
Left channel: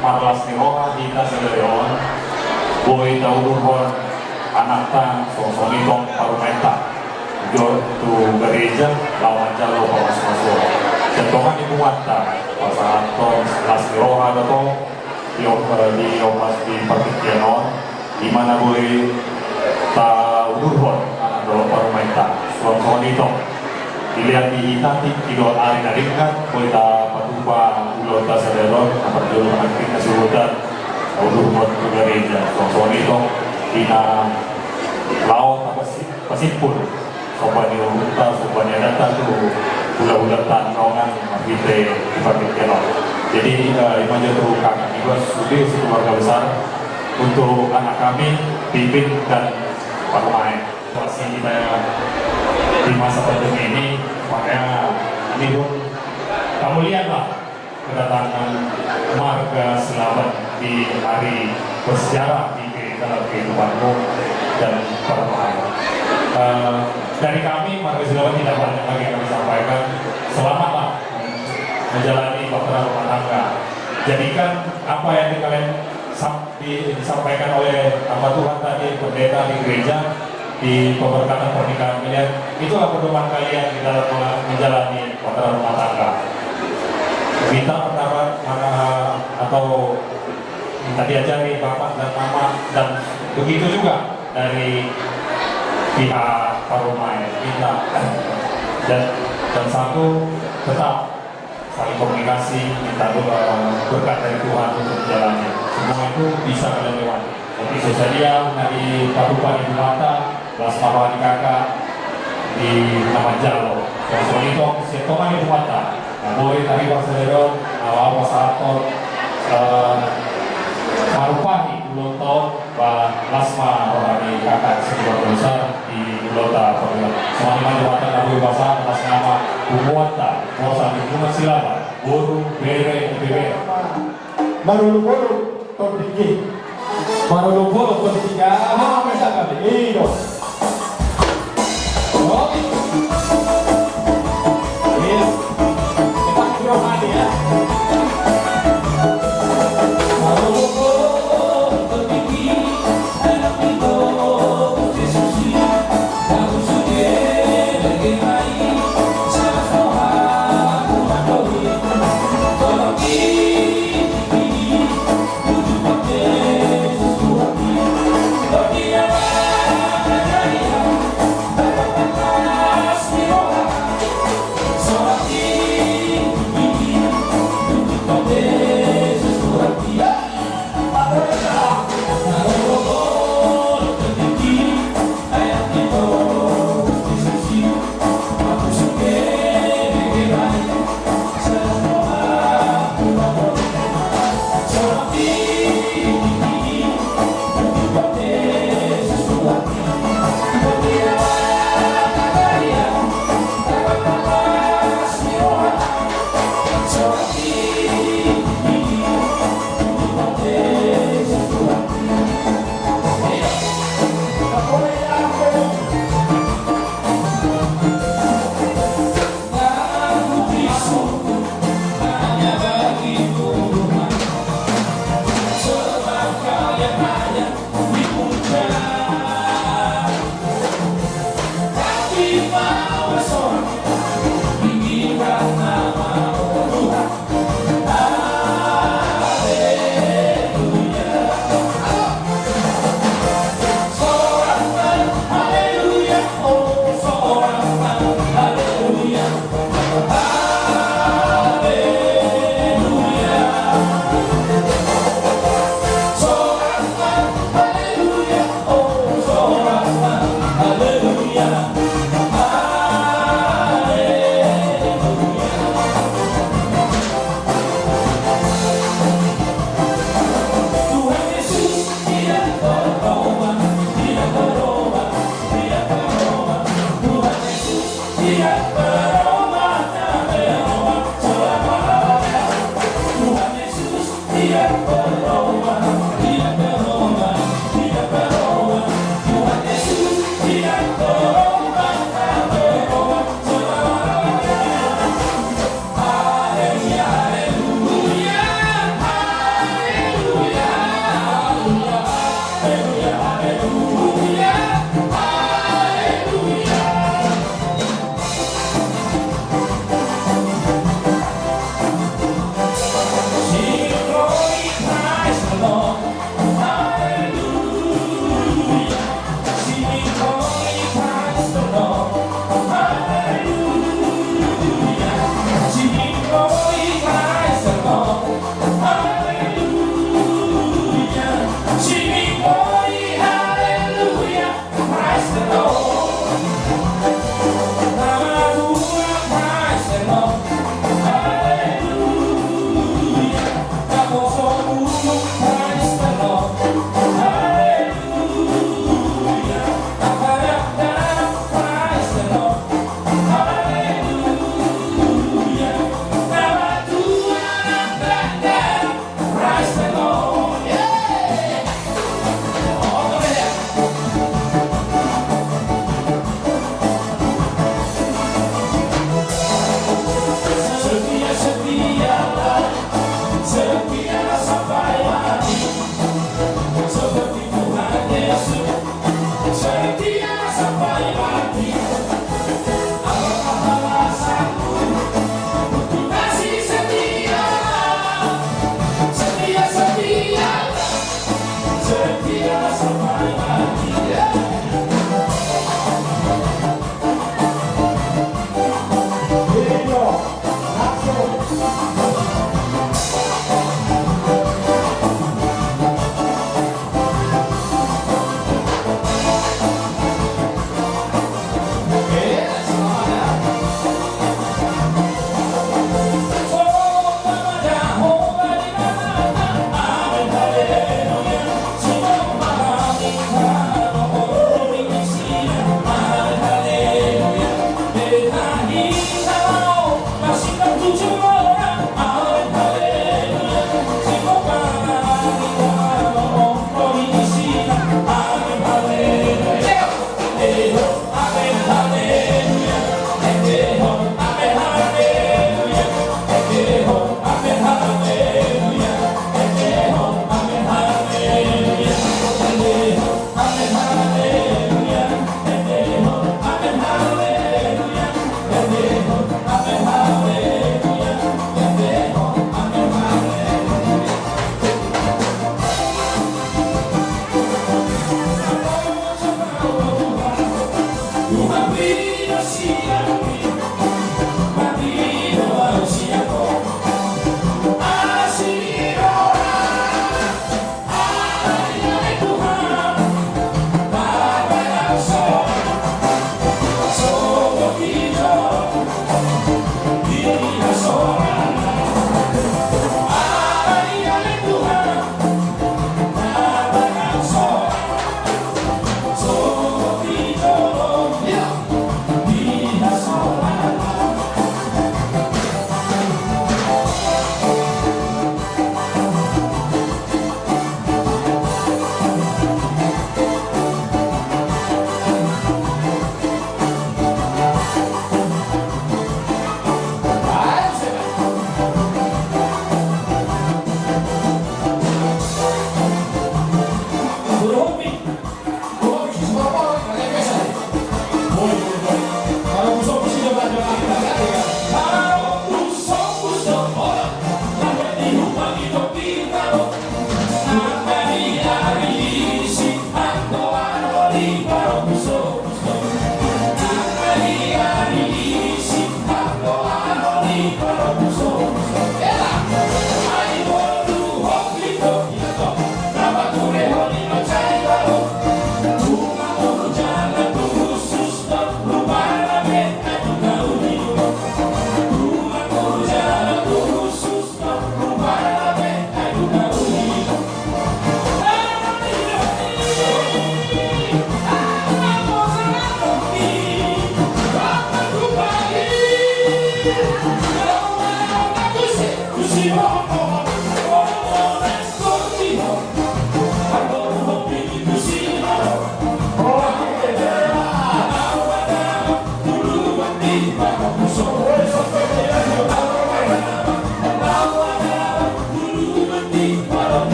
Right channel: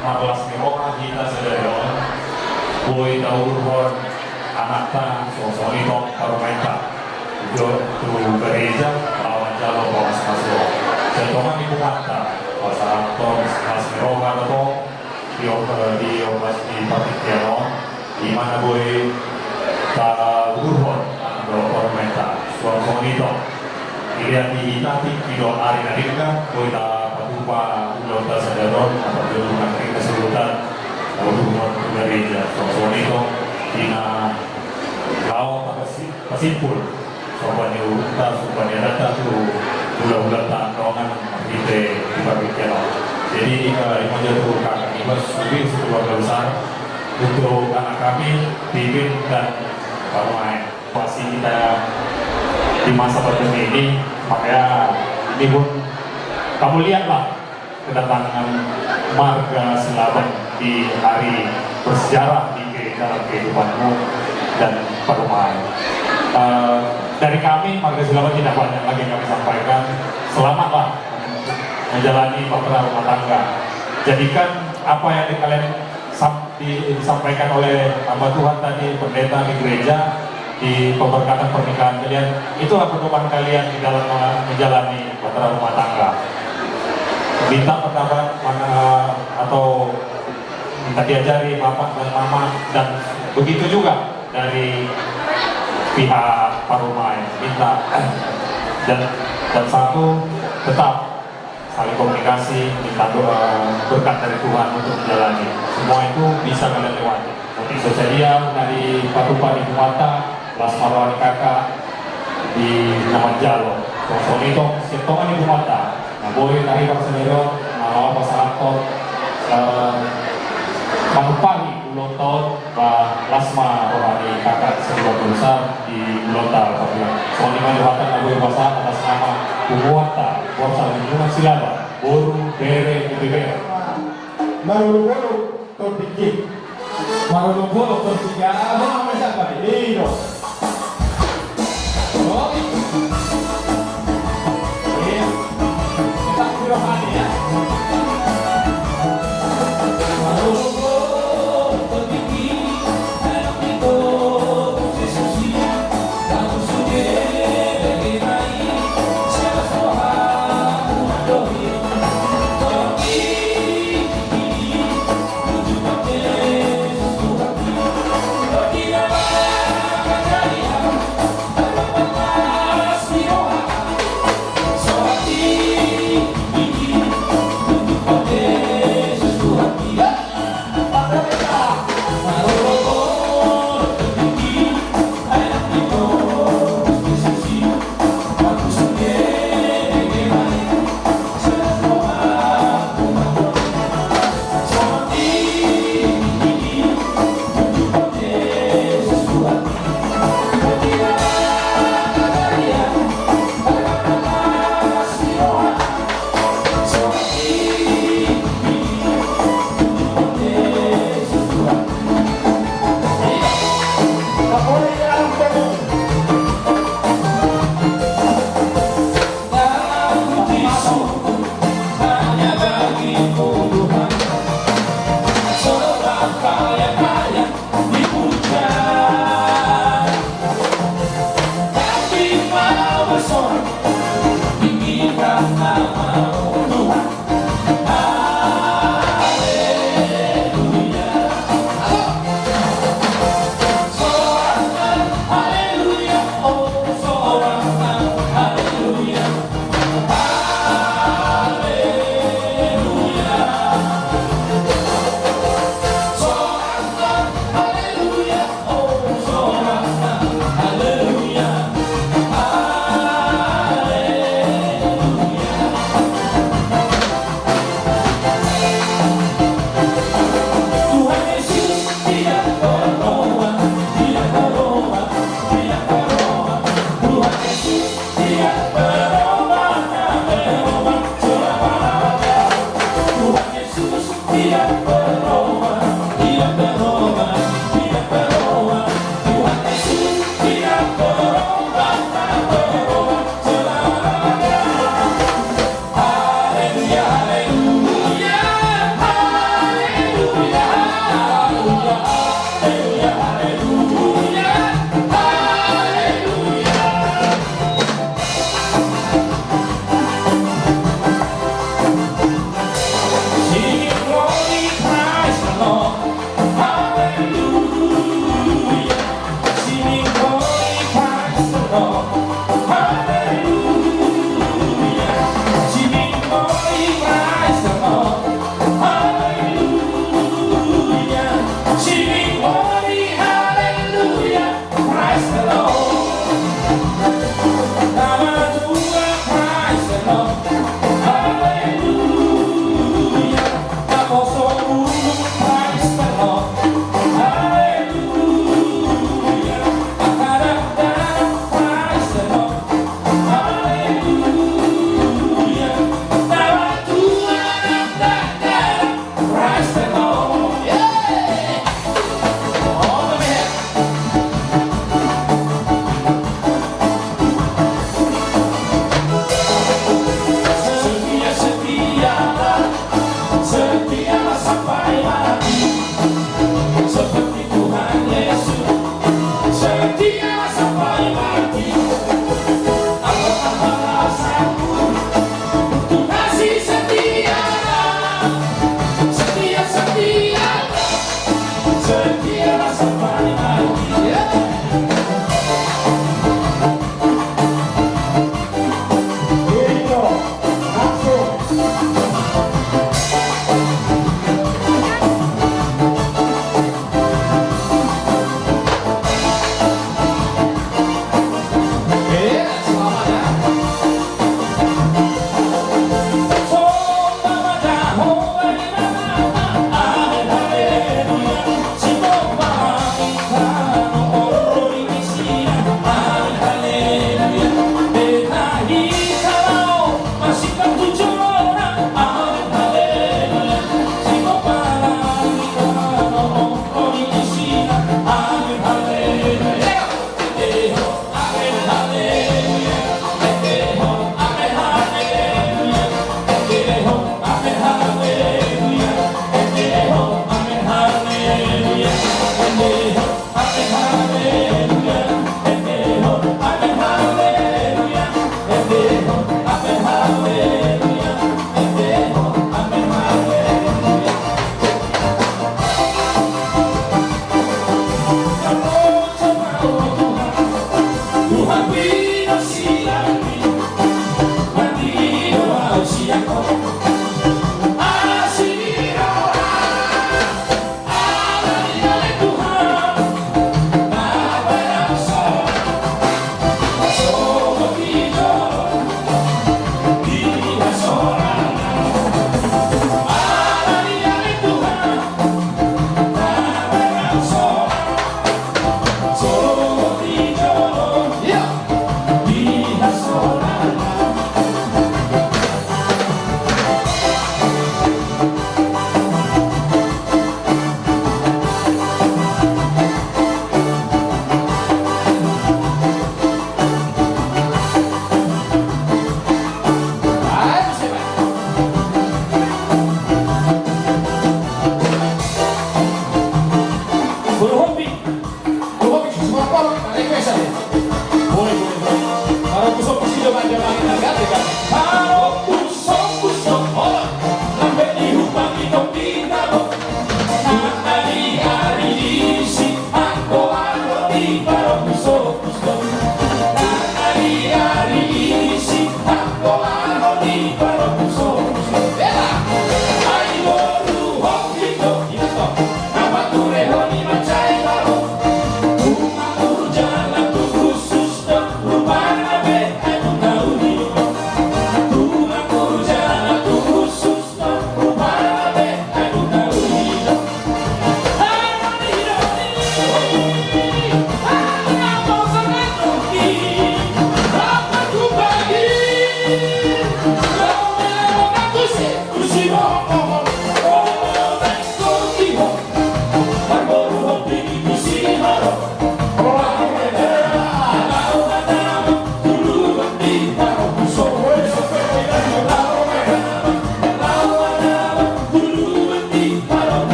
malas nirona kita sederhana boy daurun anakta sosonito paromenta jo tu gereja lawan jalo bawas masuk contohnya di Kumuata pasangan las niroha atau di opas di Pakitiano di mana boy daurun anak paromenta sosonito dilihat di tadi video hari tadi kan kita berubah ulang sadar atau dengan kesulitan untuk gereja soal itu tina laut pasipul soalnya udah soalnya datang tuh ulang tantangan kita berbicara jadi ini menjadi kakak itu sudah keluarga besar untuk anak kami Bibin dan Pak Main masih kita di masa pandemi ini makanya ini pun kamu lihatlah kedatangan marga selamat di hari bersejarah di dalam kehidupanmu dan permain. Dari kami marga selamat tidak banyak lagi kami sampaikan selamatlah menjalani bahtera rumah tangga. Jadikan apa yang kalian disampaikan oleh hamba Tuhan tadi pendeta di gereja di pemberkatan pernikahan kalian itu pertemuan kalian di dalam menjalani bahtera rumah tangga. Minta pendapat atau minta diajari bapak dan mama dan begitu juga dari pihak parumai minta dan satu tetap saling komunikasi, minta berkat dari Tuhan untuk menjalani. Semua itu bisa kita lewati. Tapi sosial dari Kabupaten Mata, Lasmawari Kakak di Namajalo. Sosok itu siapa di Mata. Boleh tadi Wasero, Awas Ator, Kabupaten Ulonto, Lasma Wari Kakak sebuah besar di Ulonta. Semua lima Mata Nabi Bahasa atas nama Buwata, Bosa Lingkungan Silaba, Buru, Bere, Bere. Marulubolo, Topiki. Marulubolo, Topiki. Ah, masa kali. Iyo. Oke. Iya. Kita video hari ya. Marulubolo, Topiki. Dalam itu, Yesusi. Kamu sudah bagaimana? Siapa Tuhan mengadohi? Tolong ini, tujuh pakai sesuatu.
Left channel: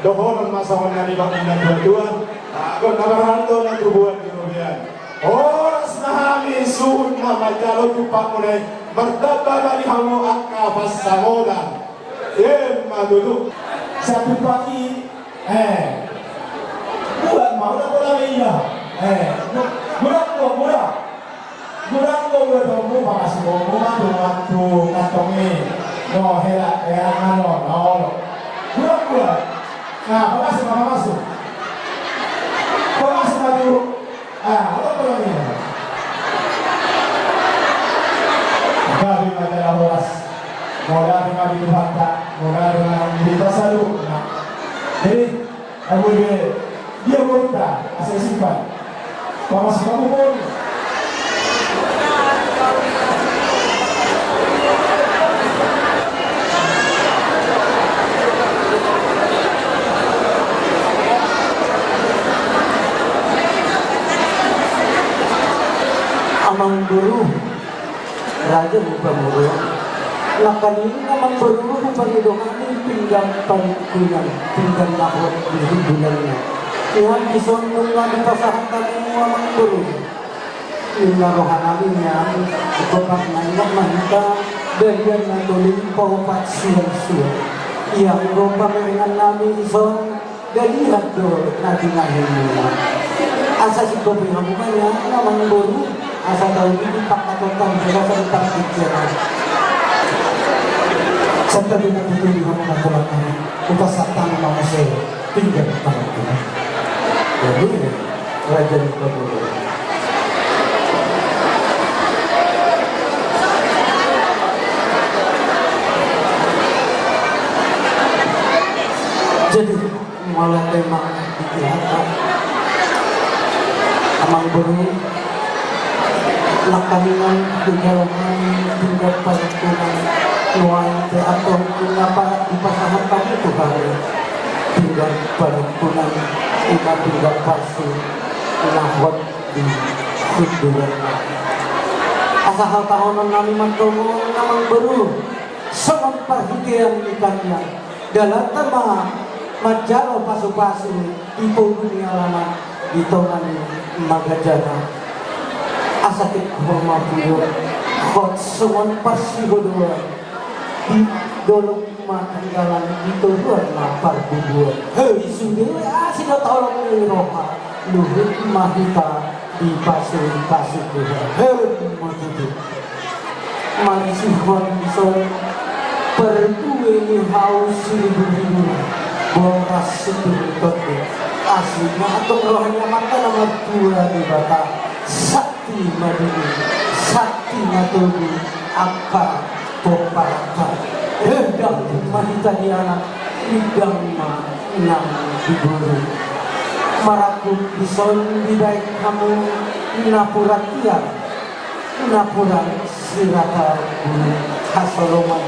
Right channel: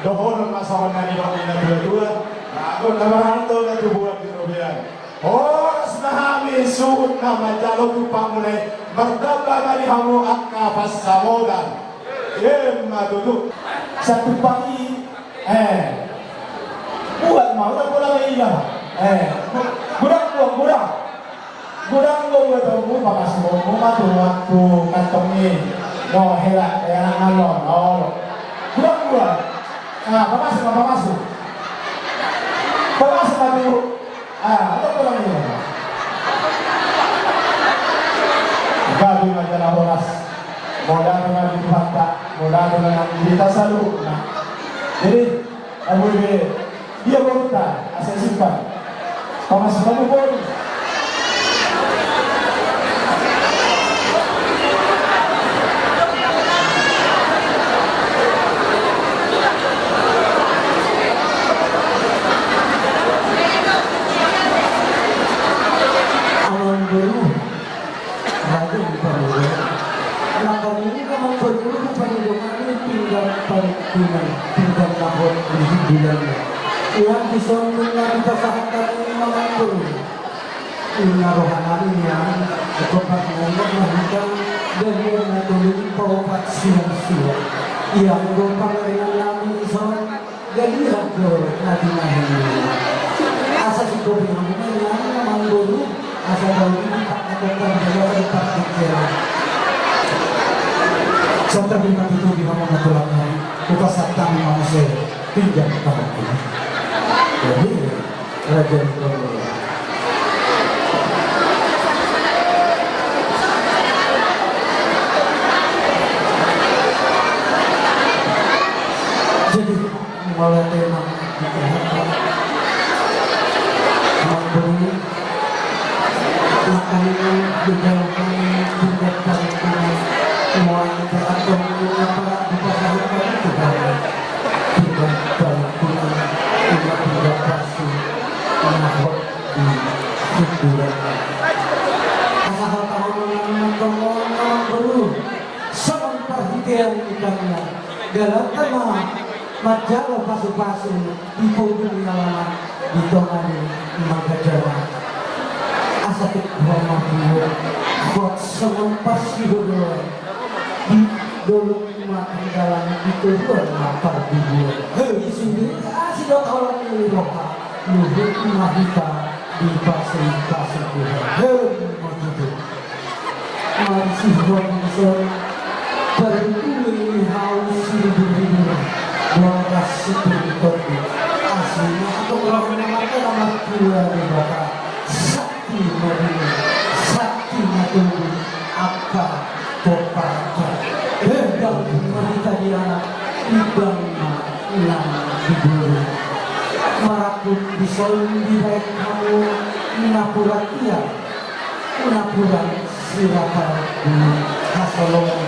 Dohon masawan na ibang inagdua ako narahanto na tubuhan kinubihan. Oras na hami suot na majalo tupang mulay magdaba ni hamo at kapas sa moda. Madulu. Satu pagi, buat mau na pula iya. Gurang ko mo pakas mo waktu kantongi mo hela ano. Gurang. Pamasok na dulu. Ano pala niya? Gabi majalah oras. Modal nga dito hata. Modal nga dito sa luna. Jadi, aku ini dia berita asal simpan. Pamasok na po. Raja bukan murid. Lakan ini memang berguru perlindungan tinggal tinggal tahun di bulannya. Tuhan bisa mengulangi pasangan ini memang guru. Ina rohanalinya kepak nangok mahita dari yang natulin popat siang. Yang rompang dengan nami ison dari hadir nanti nahini. Asa si kopi namanya memang guru. Asal tahu ini tak katakan juga tentang pikiran. Serta dengan itu di mana pulang kita satang manusia tinggal tangan ini. Jadi raja itu dulu. Jadi malah tema pikiran amal beri lakahinan dijalankan hingga pada nuai atau mengapa dipasangan itu kali hingga pada pulang hingga tinggal kasih nahwat di hidupan asal tahun mengalami mengkongong namun baru sangat perhatian ikannya dalam tema majalah pasu-pasu di dunia lama di tongan magajana asakit bahwa dia hot semua pasti berdua di dolok makan dalam itu dua lapar berdua hei sini sudah tolong ini roha luhut mahita di pasir Tuhan hei begitu masih konsol berdua ini haus hidup buang kasih itu aslinya untuk rohnya mata nomor 2 di batas sakti natudu apa popaka hendang manita di anak idang enam di bulu marakut bison di daik kamu napuratia siraka hasolongan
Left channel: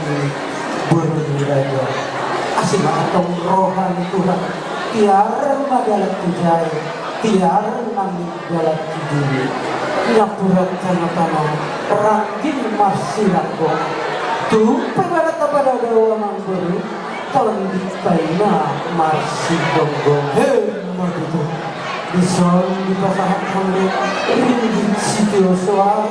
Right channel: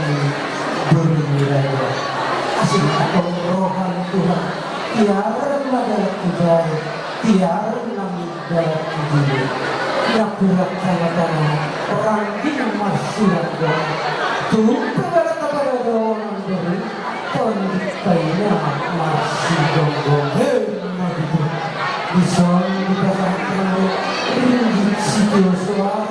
bernilai asing atau rohani Tuhan tiar madalat kujai tiar nami dalam diri napurat tanah rangking marsirat doa tuh pada kepada golongan beri tahun dipayna marsi gonggong begitu bison dipasangkan ringgit situ soal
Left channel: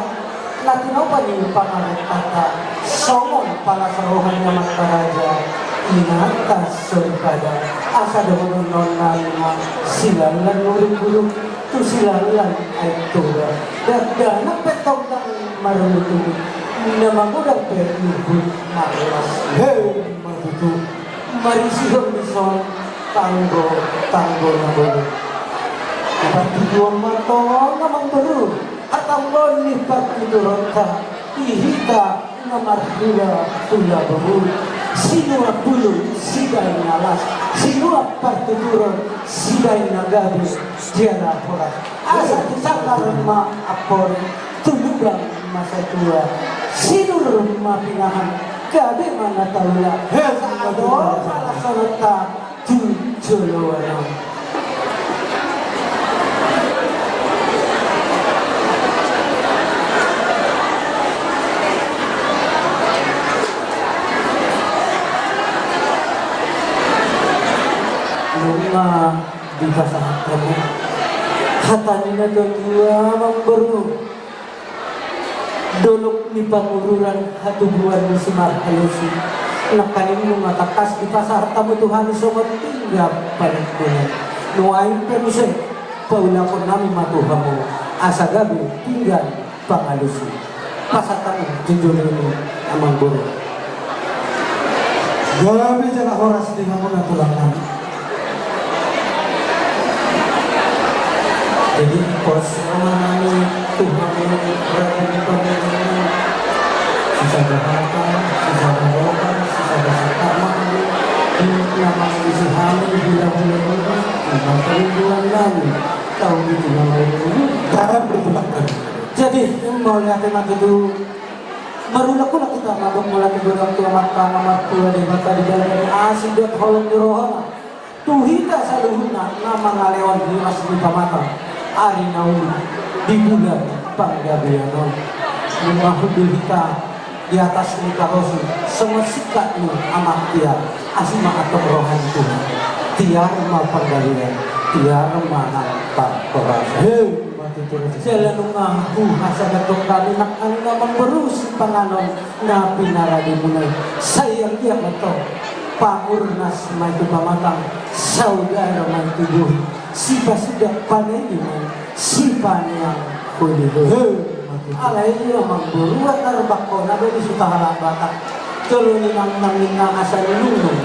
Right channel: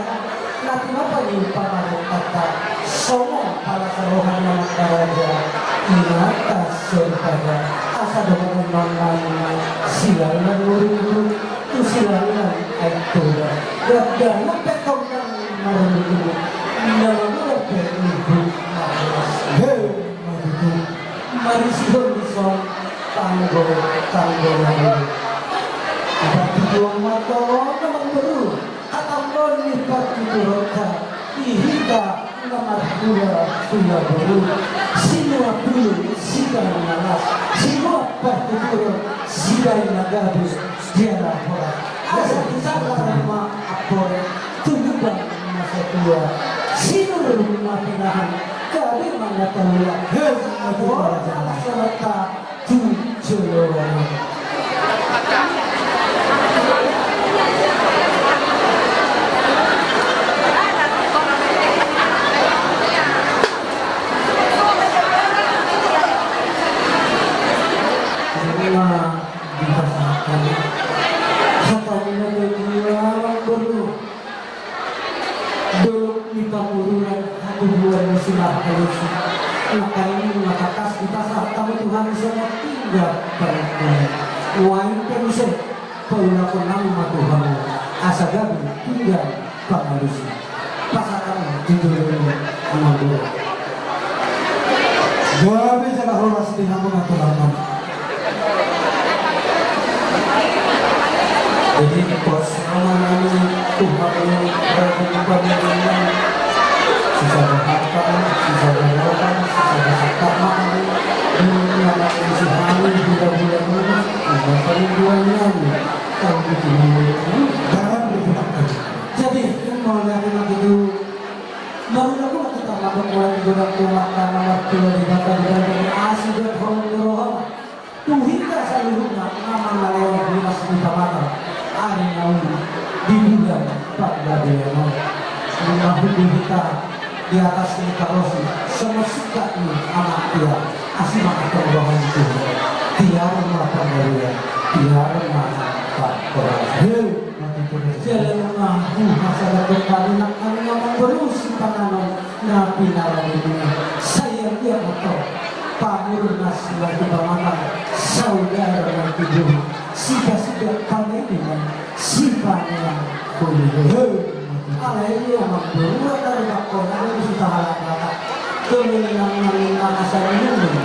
nanti apa nih pangalit kata somong pala sarohan nama karaja inata surpada asa dong nonan silalan murid tu silalan itu dan petong dan marunut Namagulat perlu malas. Hei, matutu. Marisihon ison tanggo na dulu. Batidong mato namang baru. At ang lipat tidurong ka. Ihita na marhula tula baru. Sino ang dulu, siday nalas. Sino ang partidurong, siday nagabis. Diara horas. Asa kisakaran ma-apor. Tulugang masa tua. Sino rumah pinahan. Kabe mga talula. Hezmo, nakasalat ka. Tujoloan. Di pasahan katanya dia memberu dolok di pangururan hatubuan musimar halusi nakanin matakas di pasar tamu Tuhan sobat tinggal paling nuain penusen paula ko nami matuhamu asa gabi tinggal pangalusi pasatan tinjulun amang buru gabi jana horas di namun naturanan. Jadi pos nama Tuhan ini berarti pemimpin sisa berharga, sisa berdoa, sisa bersama ini nama isi hari bulan-bulan ini ada peribuan lagi tahun ini jangan berbelakang. Jadi mau lihat anak itu marulah pula kita ngabung mulai digodam kiamat karena martua di mata di dalam asyik dan halam di rohana tuhita saluhuna nama ngalewan di masjid mata ari naun di bulan panggabianon memahud kita di atas kita rosu semua sikat ni anak dia asli maka rohan Tuhan tiara mal panggabian tiara mana tak korang jalan rumahku masa datuk kami nak kami ngomong berus panganon na pinaradi ini saya dia atau pamurnas maju pamatang saudara maju tujuh siapa sudah pandai dengan siapa yang boleh alai itu yang membuat terbakon ada di sutara batak terlinang asal minum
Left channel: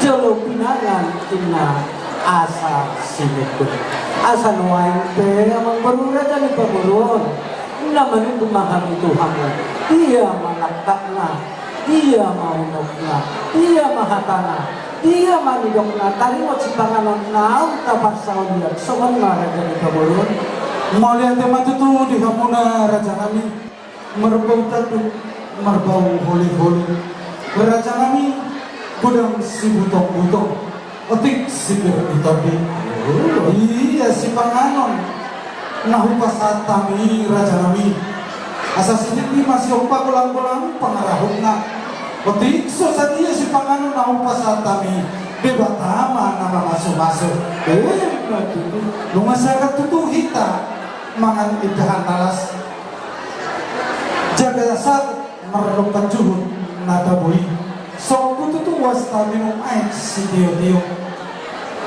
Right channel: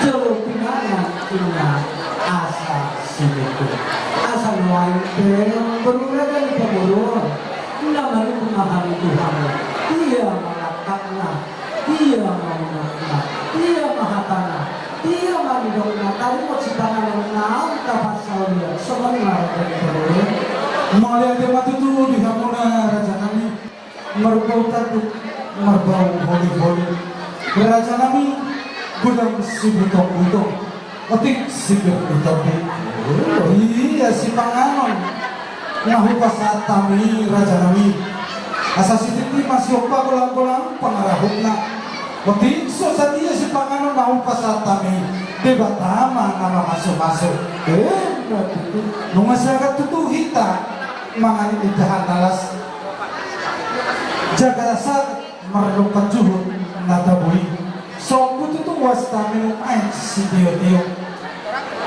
jauh pinangan kina asa sineku asa nuain yang membuat dari pemburuan namanya memahami Tuhan dia mengatakan dia mau dia mahatana dia manidokna tadi mau cipangan nau dapat saulia sebenarnya dari kabulun malia tema itu di kamuna raja kami merbau tadu merbau holi raja kami gudang si butok otik si butok iya si panganon nahu pasat kami raja kami asal sedikit masih opa kolang pengarahuna otik susah dia si panganon nahu pasat kami bebatama nama masuk masyarakat tutuh kita mangan idahan alas jaga dasar meredukan juhud nada bui so tutuh wasta minum air si dio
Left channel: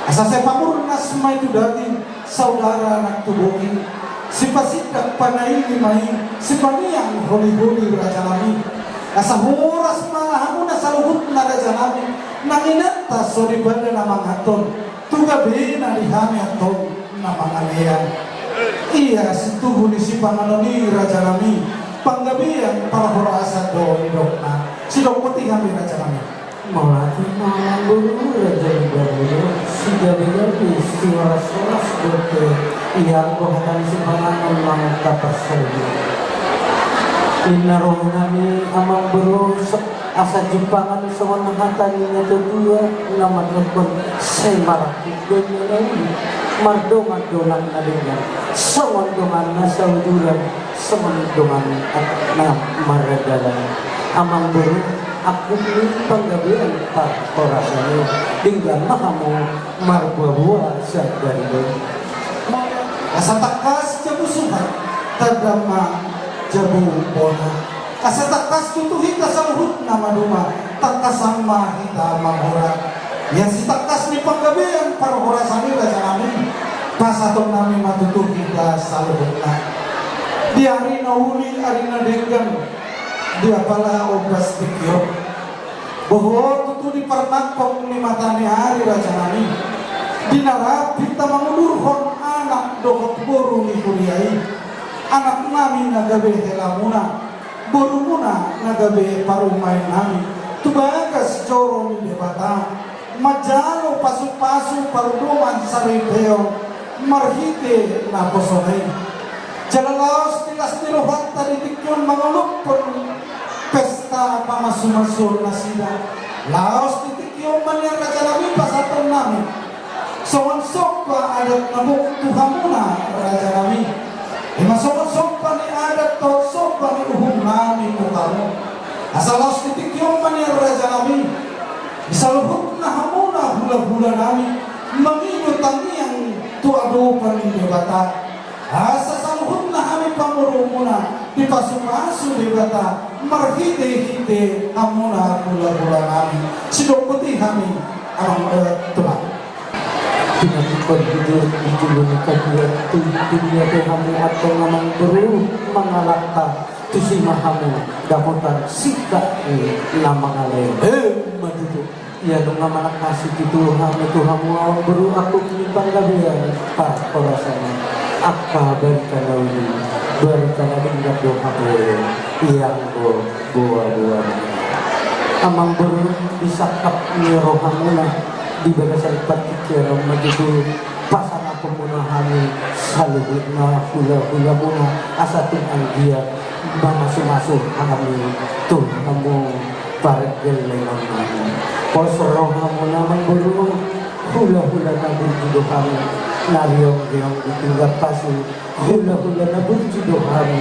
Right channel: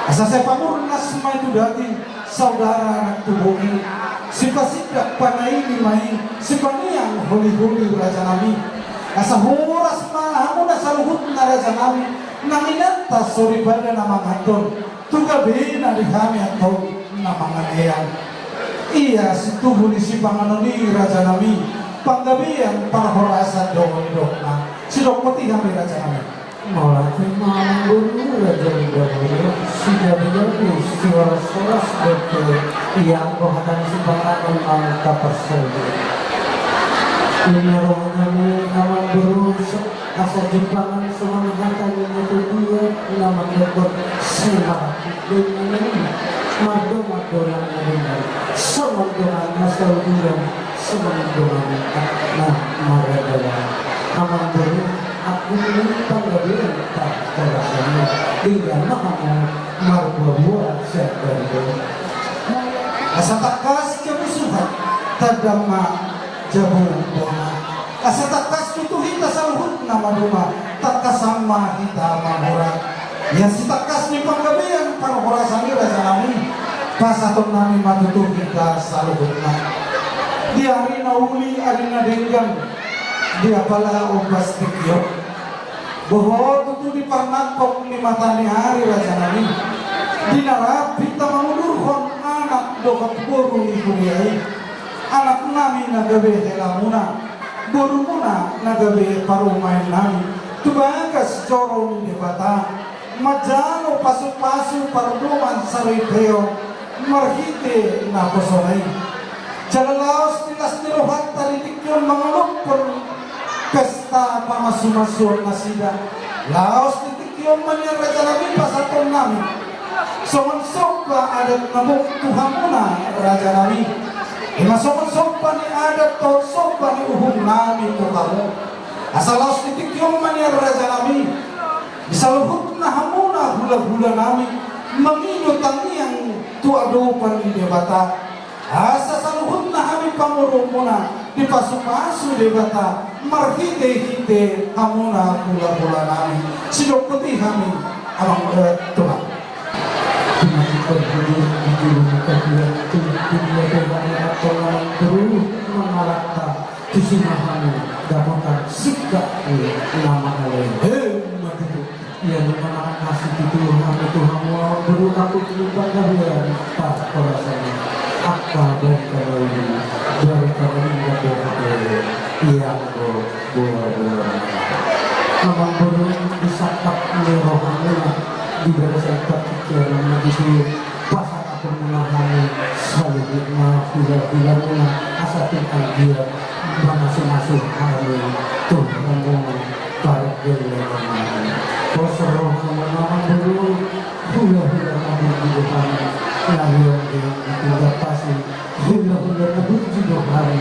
asa saya pamurnas mai itu daging saudara anak tubuhi sifat panai main sifat yang holi raja kami asa horas mahamu nasaluhut na raja kami nanginata sorry pada nama ngaton tugabe na dihami atau nama nganean iya situhu di si panganoni raja kami panggabian para horasan doa dokna si dokpati kami raja kami maulati guru raja guru sudah berarti suara seperti yang bahkan si panganon mangka persaudi inarohani amal guru asa jumpangan sama nangkanya itu dua nama lekor semar ini mardo-mardolan adanya semandoman nasauduran semandoman na maradalan amal guru aku ini panggabian tak korasanya dengan mahamu marbuah sadari asa takas kebusuhan terdama jabu bona asa takas tutuhin kasaluhut nama rumah takas sama kita mahurat yang si takas ni panggabian para korasani raja kami pas atau nami matutuh kita saluhut di hari nauli hari nadenggan dia pala obras tikyo bahwa itu di pernakok 5 hari raja nami dinarapi ta mangulurhon anak dokot boru ni kuriai anak nami nagabe helamuna boru muna nagabe parumain nami tubagas coro ni debata majano pasu-pasu parduan saripeo marhite na posonay jalalaos tilas niluhat taritikyon mangulukon pesta pamasu-masu na sida laos titikyon man yan raja namin pasaton namin songon-song pa adat nabuk Tuhan muna raja namin songon-song pa ni adat to song pa ni uhong namin to kamu asal laos titikyon man yan raja namin isaluhut na hamuna hula-hula namin manginyo taniyang tuado pa ni debata asa saluhut na kami pamuro muna di pasu-pasu debata marhite-hite hamuna hula-hula namin sinopati kami ang Tuhan pinagpagbulir di julong kabilang tulipinya kami atau naman guru mangalakta tusimahami damutan sikap nama kalian matutup ya nama kasih itu kami Tuhan mau guru aku pinipang kabilan tak korasanya apa dan kalau ini berkala ingat doa yang buah amang guru disakap rohaninya di barisan pikiran begitu pasang aku menahani salibnya hula-hula muna asatin dia masuk-masuk kami tuh kamu pargelan kosong menamang dulu hula-hula nabi hidup kami nariong yang ditinggal pasti hula-hula nabi hidup kami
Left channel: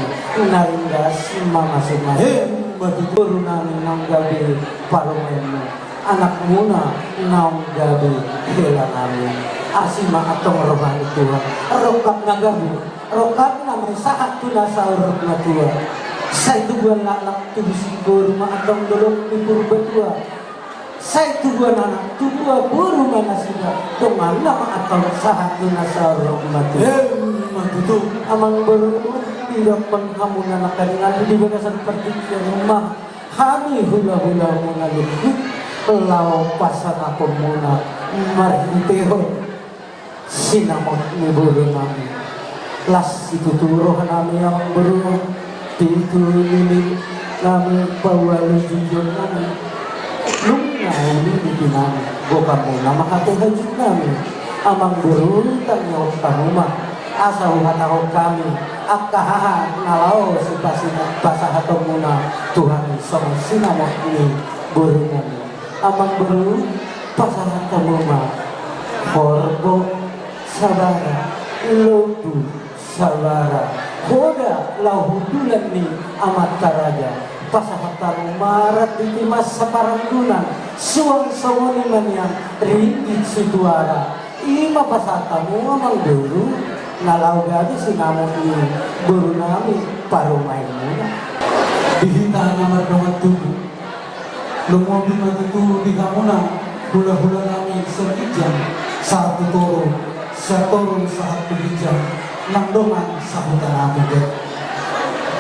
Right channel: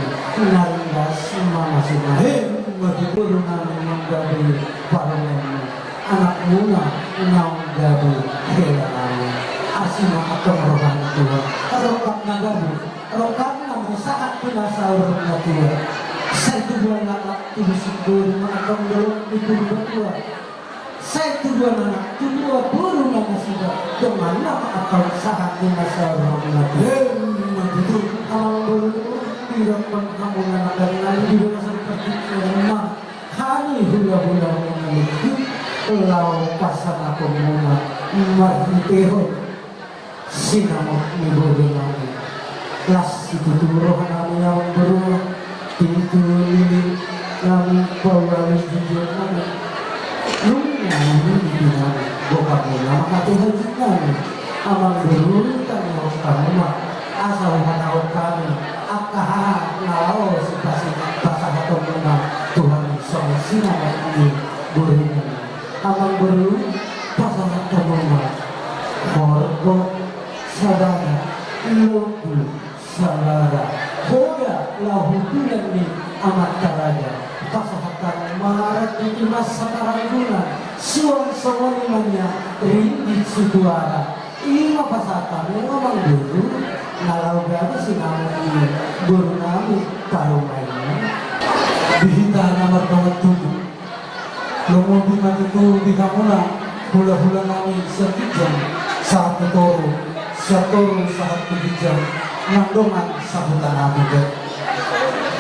naringgas masuk-masuk begitu nami manggabi parlemen anak muna naung gabi hela namun asima atau rohani Tuhan rokap nagabu rokap namun saat tuna sahur na Tuhan saya tujuan anak tujuh sigur atau belum libur berdua saya tujuan anak tujuh buru mana sudah kemana atau saat tuna sahur na Tuhan begitu amang baru tidak kamu anak dari nanti di barisan seperti rumah kami hula-hula mengalir law pasang ako muna marhintero sinamot ni Buli namin las ituturohan namin ang baro tituloy namin pawalin dito namin lumina namin dito namin buka muna makatuhan dito namin amang baro tanyo tanuma asaw hatao kami at kahaha nalaw si pasahato muna Tuhan sang sinamot ni Buli namin amang baru pasangan rumah korbo saudara lubu saudara boga lahudulan ni amat taraja pasangan marat di masa paranggunan suang-suang imannya ringgit suduara ima pasatamu amang baru nalau gadi sinamon ini baru nami parumainnya dihita namar dawat tubuh lumong itu di kamuna hula-hula namin sa kijang saat toro saat kijang nandungan sa hutan namin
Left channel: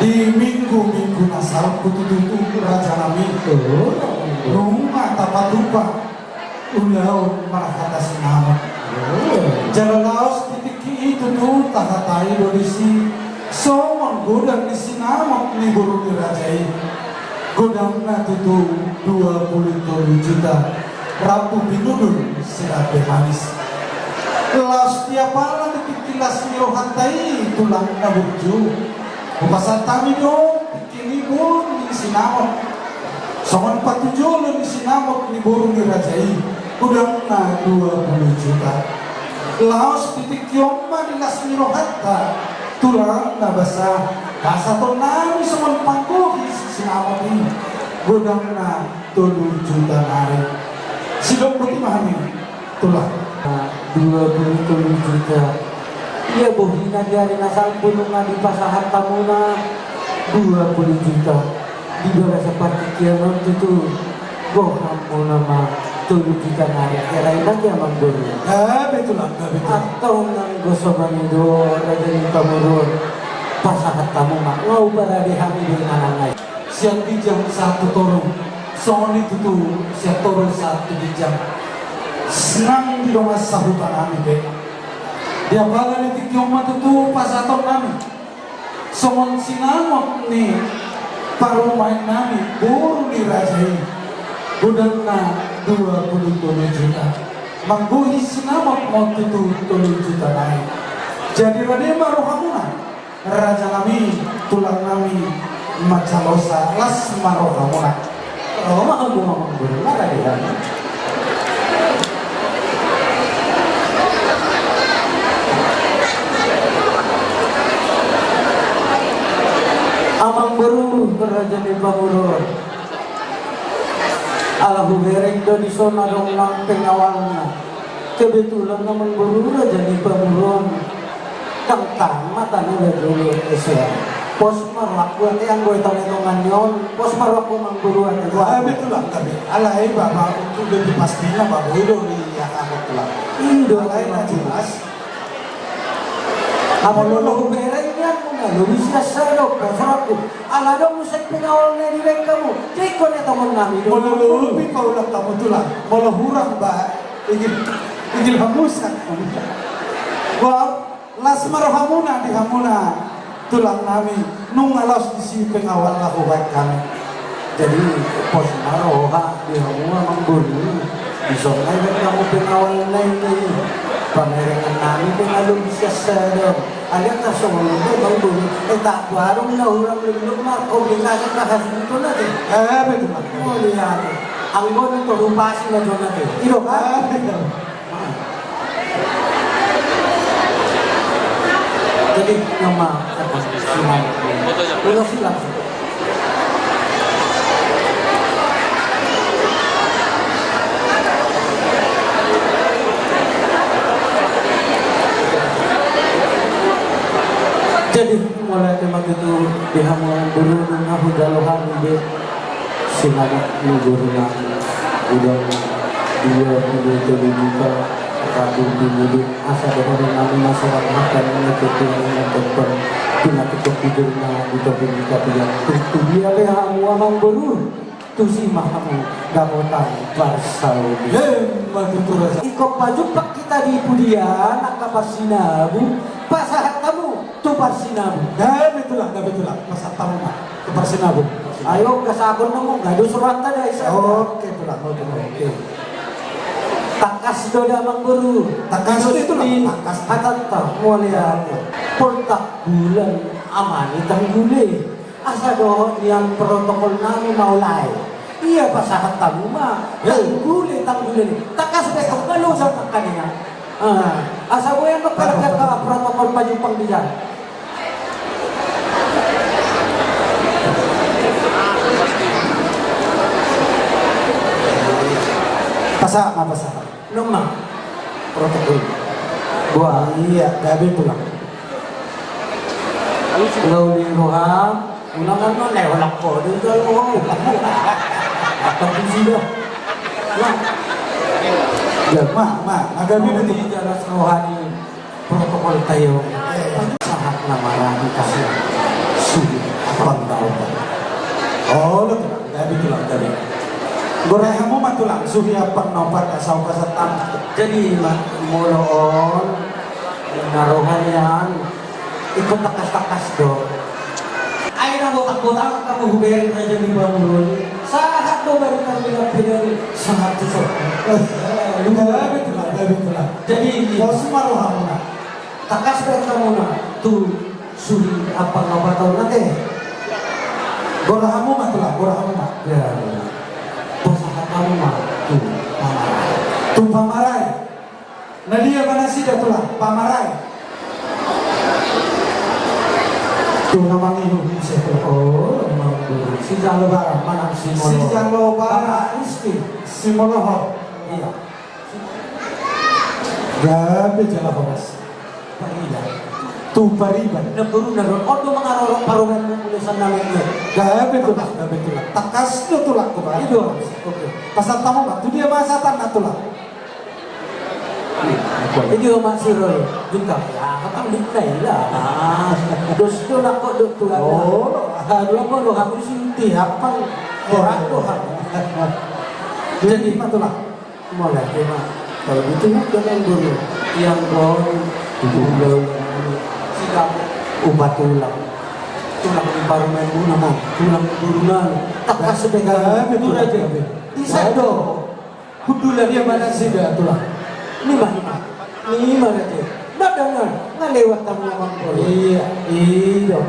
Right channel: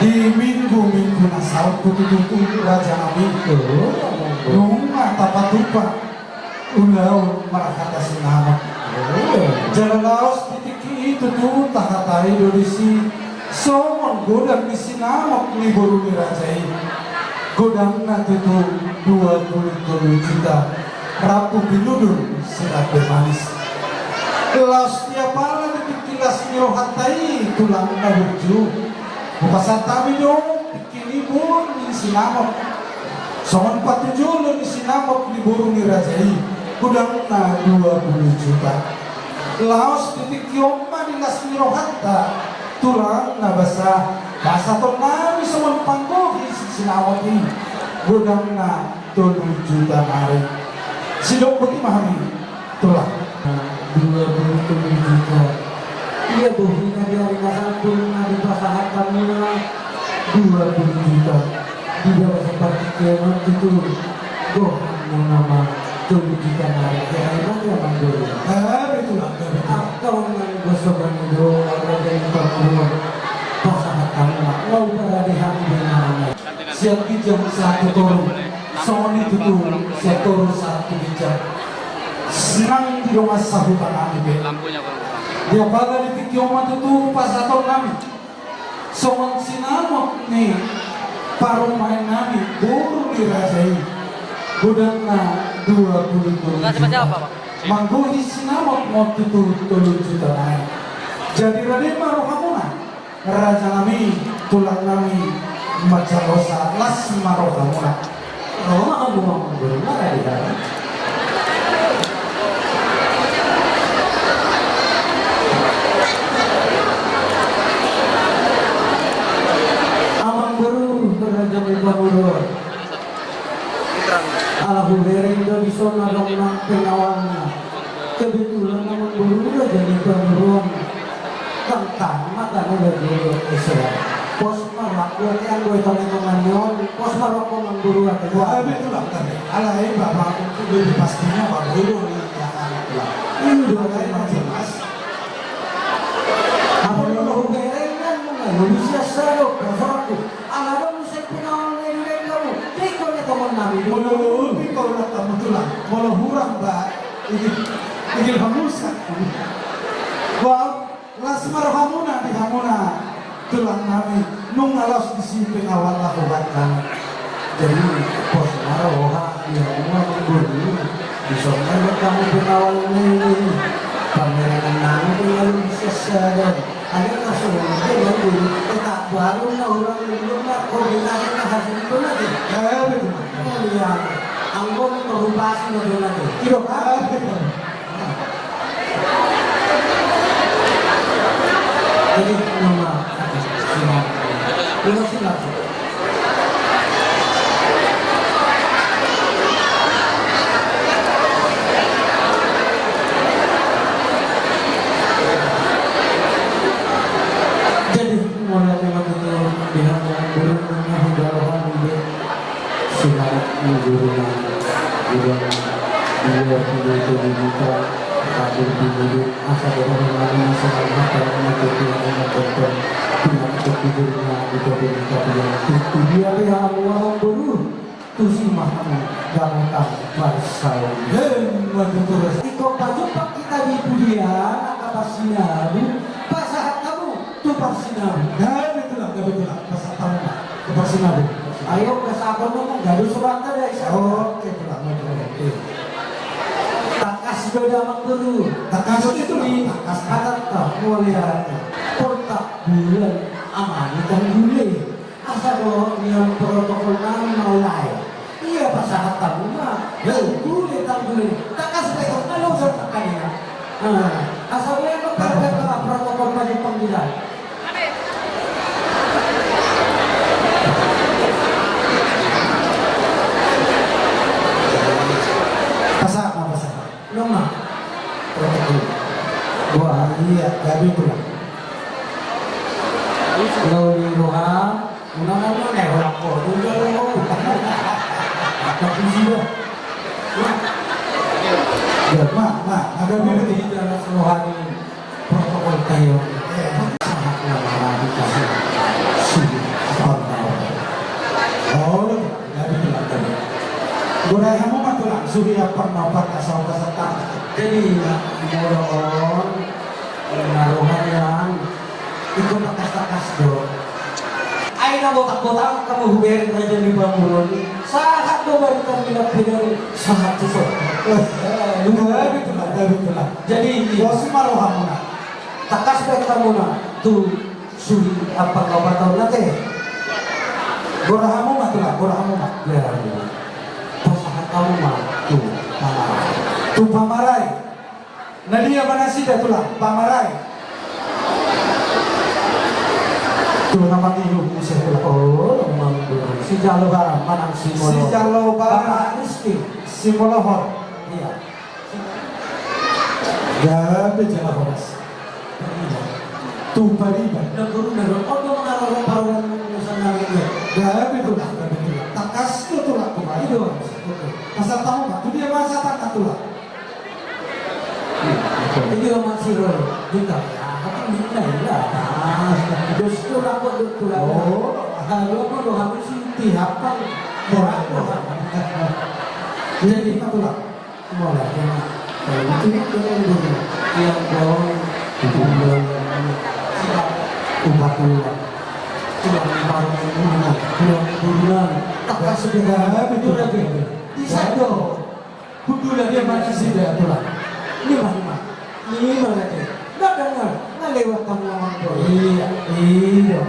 di minggu-minggu na saat kutututu raja namin nung matapatupa ulaw marakata sinama jalalaos titiki itu tuh takatari dodisi so menggodang di sinama ni buru ni raja ini godang nanti itu 27 juta rapu binudun serat manis kelas tiap malam dikilas nyohantai tulang kaburju bukasan kami dong bikin ibun di sinamot songon 47 di sinamot di burung di rajai godang na 20 juta laos titik yomba di las nyohanta tulang na basah kasaton nami songon pangkuhi sinamot ini godang na 7 juta hari sidok putih mahami tulah 27 juta iya bohina dari nasal pulungan di pasahan tamuna 20 juta di bawah seperti kiamat itu bohang mau nama 7 juta hari kira-kira aja manggul betul lah atau nang gosokan itu ada di tamuna pasahan tamuna mau berada di hati dengan siap bijang satu turun. Soalnya itu tuh siap turun satu bijang. Senang di rumah sahutan kami be. Dia bala di tikyong matutu pas atau kami. Soal sinamok nih paruh main kami buru dirasai. Budakna 27 juta. Mangguhi sinamok mau tutu 7 juta naik. Jadi rade maruh kamunan. Raja kami tulang kami Macalosa las maruh kamunan. Roma kan rumah guru nara di sana. Amang guru Raja di Bangurur. Alahu bereng do di sana nang pengawalnya. Kebetulan amang guru Raja di Bangurur. Kang mata nula dulu Asia. Pos marwak gue yang gue tolong nyon. Pos marwak gue mengguru ada dua. Betul lah tadi. Alai bapak itu lebih pastinya bapak itu ya itu lah. Indo Alai jelas. apa lo berengnya mau bisa serok berfakku. Ala dong musik pinawal nih di kamu. Tiko nih teman kami. Mulu kau nak tahu betul lah. Mulu hurang ba. Ingin hamusan. Wah, las marhamuna di hamuna. Tulang kami nung alas di sini pengawal lakukan kami. Jadi pos maroha di rumah mengguru. Di sana kamu pengawal ini. Pameran kami pengaruh bisa sadar. Ada kasih mengguru. Tak baru na orang dulu nak kau bilang kahas itu nanti. Betul. Oh iya. Anggon itu rupas na doon nanti. Iro ka. Jadi nama Pulau Silang. Jadi mulai memang itu pihak yang dulu mengaku dalohan di Silang mengguruna udah dia itu dibuka kabur di asal dari kami masyarakat makan mengikuti dokter penyakit tidurnya di terbuka yang itu dia lihat uang baru tu si mahamu damutan barsau ikut baju pak kita di Budian angka Parsinabu pasahat kamu tu Parsinabu Betul lah. Pasal tahu pak. Ke Parsinabu. ayo ke sabun kamu gaduh suratan dari sana Oke, pulang. Oke. takas doda mangguru Takas itu lah. di Takas. kata mulia portak bulan aman ikan gule asa doh yang protokol nami mau lain iya pasahat tamu mah gule tang gule takas besok kalau sa kanina asa gue yang berkat protokol maju panggilan Pasal apa pasal? Noma protokol gua Iya, betul lah. kalau di Roham unangan mo na wala ko doon ka lang ako tapi sila Ya, agak kami betul. di dalam rohani protokol tayo sangat na marami kasi sulit ang tao Oh, betul lah. Goreng mo man tulang suhi apa napat asal pasatan. jadi moloon narohan yan ikut takas-takas doon ay nabo ako na kamu hubirin na dyan ni Bangurol sa hato baru kami na pinari sa hato so Betul lah. jadi Bos maruham mo na. takas mereka muna tu suri apa ngapa tahu nanti Goreng mo man tulang, goreng mo man. ya pasangan kamu mah tu Tu pamaray. Nadia banasi dah tulang, pamaray. Tu namang ibu bisa tulang. oh memang si jalo barang mana si Si Jalo Barang. Rizky Si Molohor. iya Gabi jala horas. iya Tu pariban. naguru oh tu mengaror paruan urusan namanya Gabi tulang, gabi tulang. Takas tu tulang tu itu Oke. Pasal tamu kan, tu dia bahasa tanah tulang. ini masih roy juga ya katang dinay lah dos tu lah kok dok tu lah Oh. dua kok dua kamu sih pihak pang orang Tuhan. Jadi itulah mulai tema. Kalau itu jangan dulu yang kau dulu sikap umatullah. Tulang bangunan rumah, tulang bangunan. Tak sebenarnya betul lagi. Di sana, kudu lagi mana sih dia tulang. Ini mana dia? Tak dengar, tak lewat tamuan kau. Iya.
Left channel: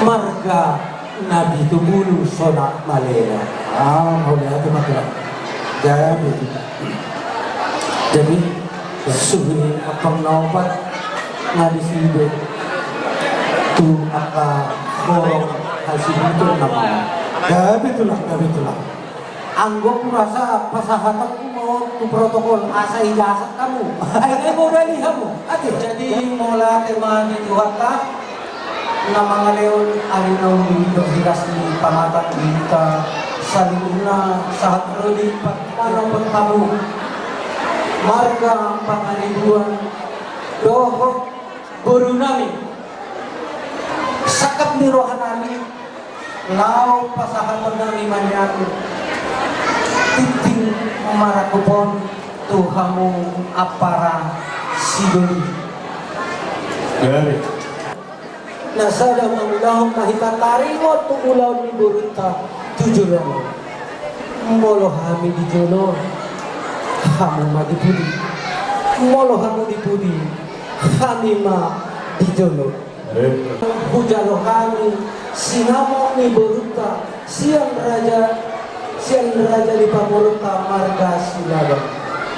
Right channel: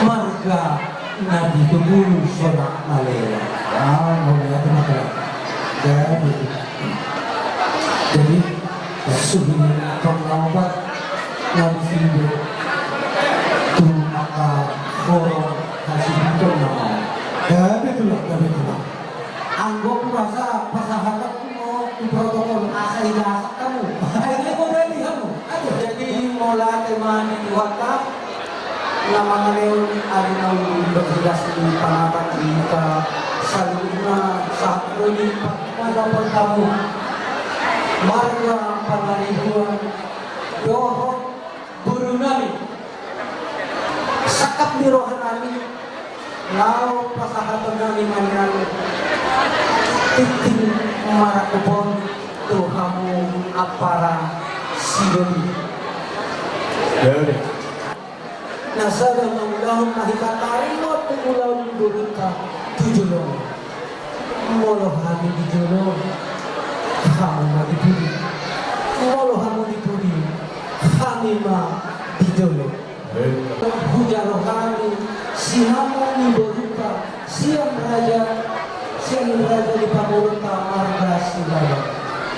Marga Nabi itu mulu sonak malera. Boleh itu maka. Jadi sebelum akan lompat Nabi Sido tu maka korong hasil itu nama. Betul. Anggap merasa pasahatan mau tu protokol asa ijazah kamu. Akhirnya mau dari kamu. Jadi mola teman itu kata nama leon alinaun berjelas di panatan kita saluna saat ini pada bertamu marga pangalibuan dohok guru nami sakap di rohanami lau pasahatan nami manyan titing marakupon tuhamu apara sidoni nasada mangulahong kahikatari mo tumulaw ni Burita tujulo molo kami di jono kamu magipudi molo kamu dipudi kami ma di jono hujalo kami sinamo ni Burita siang raja di Pamurta marga Silalo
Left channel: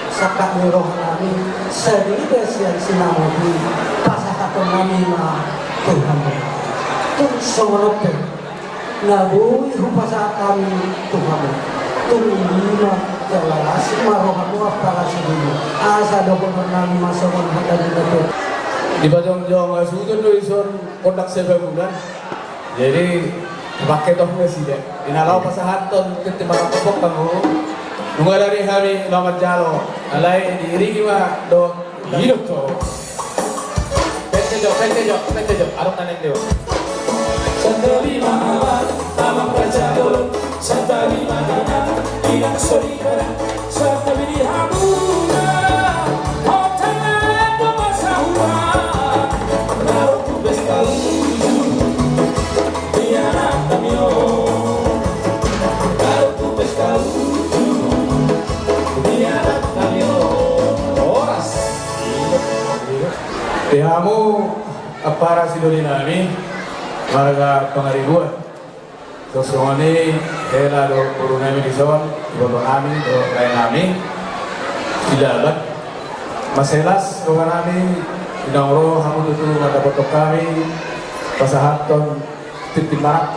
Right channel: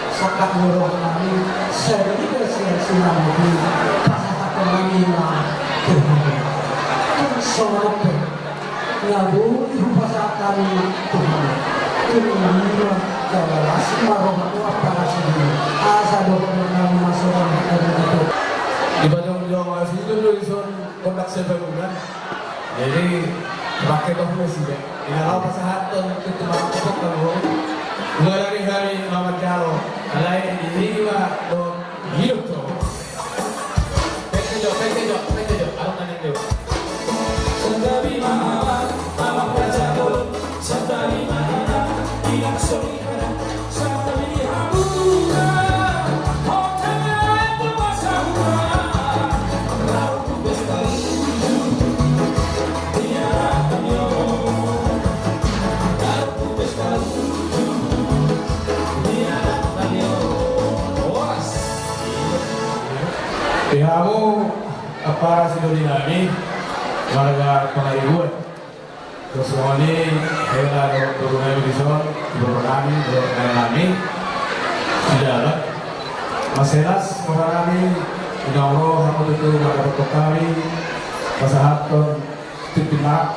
sakak muroh kami sedikit siang sinamo di pasakatan kami na Tuhan soalnya ngabui upasa kami Tuhan Tuhan jalalas marohanu apala sini asa dokter nami masuk dari itu Di Bajong-Jong itu Luison kontak sebulan. Jadi pakai toh presiden. Inalau pasahaton kita mengapok kamu. Mulai dari hari Mamat Jalo, alai diri juga do hidup tuh. Pentejo, arok tanek deo. Sandali mahawan, tamang pajadol, sandali mahina, ilang solida, sandali di hamuna, hotangan pemasahuan, naruh kubes kaluju, dianak tamyo, naruh kubes kaluju, dianak tamyo, oras. Kamu apa sih dari nami? Warga Pangaribuan. Terus ini hela do turunami di son, turunami do nami. Tidak ada. Maselas turunami inauro hamu itu ada kami pasahaton titimak.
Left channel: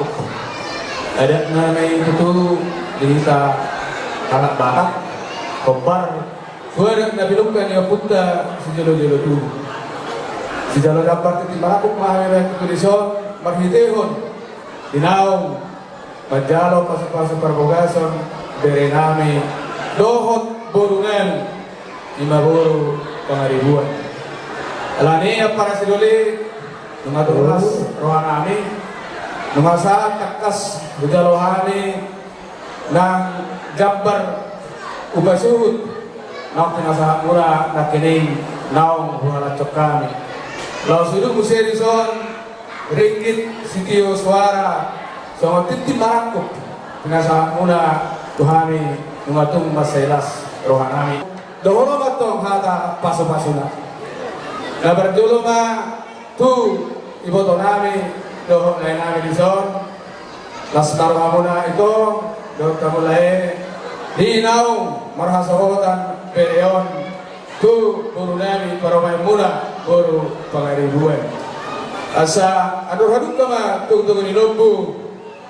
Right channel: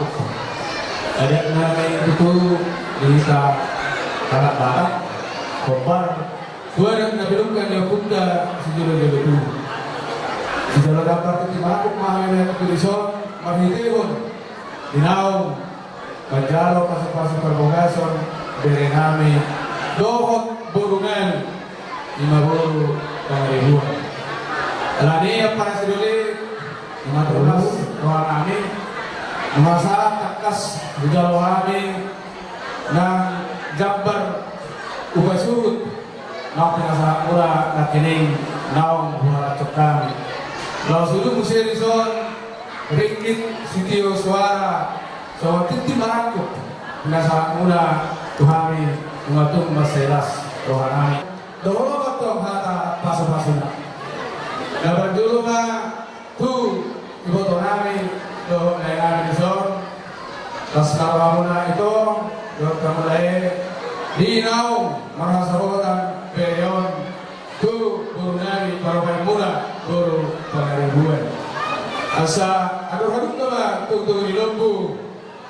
Ada nami itu dihita anak batak kombar. Dua ada nabilungkan ya punta sejolo-jolo tu. Di dalam dapat titimak mahami ketulisan Mahitehon, Dinaw, Panjalo, Pasok-pasok Perbogason, Berenami, Dohot, Borungan, Imaburu, Pangaribuan. Alani para siduli, Numatulas, Rohanami, Numasalat, Takas, Bujalohami, Nang Jabbar, Ubasuhut, Nang Tumasalat Mura, Nakining, Naong, Bungalacok kami. Lalu sudah Muserison, Ringgit Sitio Suara sama Titi Marakuk Pinasahan muna Tuhami Numatung Masailas Rohanami Doholo batong hata paso-paso na Nabardulo ma Tu Iboto nami Doho na nami dison Las naruha muna ito Doho kamulay Dinaw Marhasahotan Pereon Tu Guru nami Paromay muna Guru Pangaribuan Asa ador-ador kama tunggu ni lombu,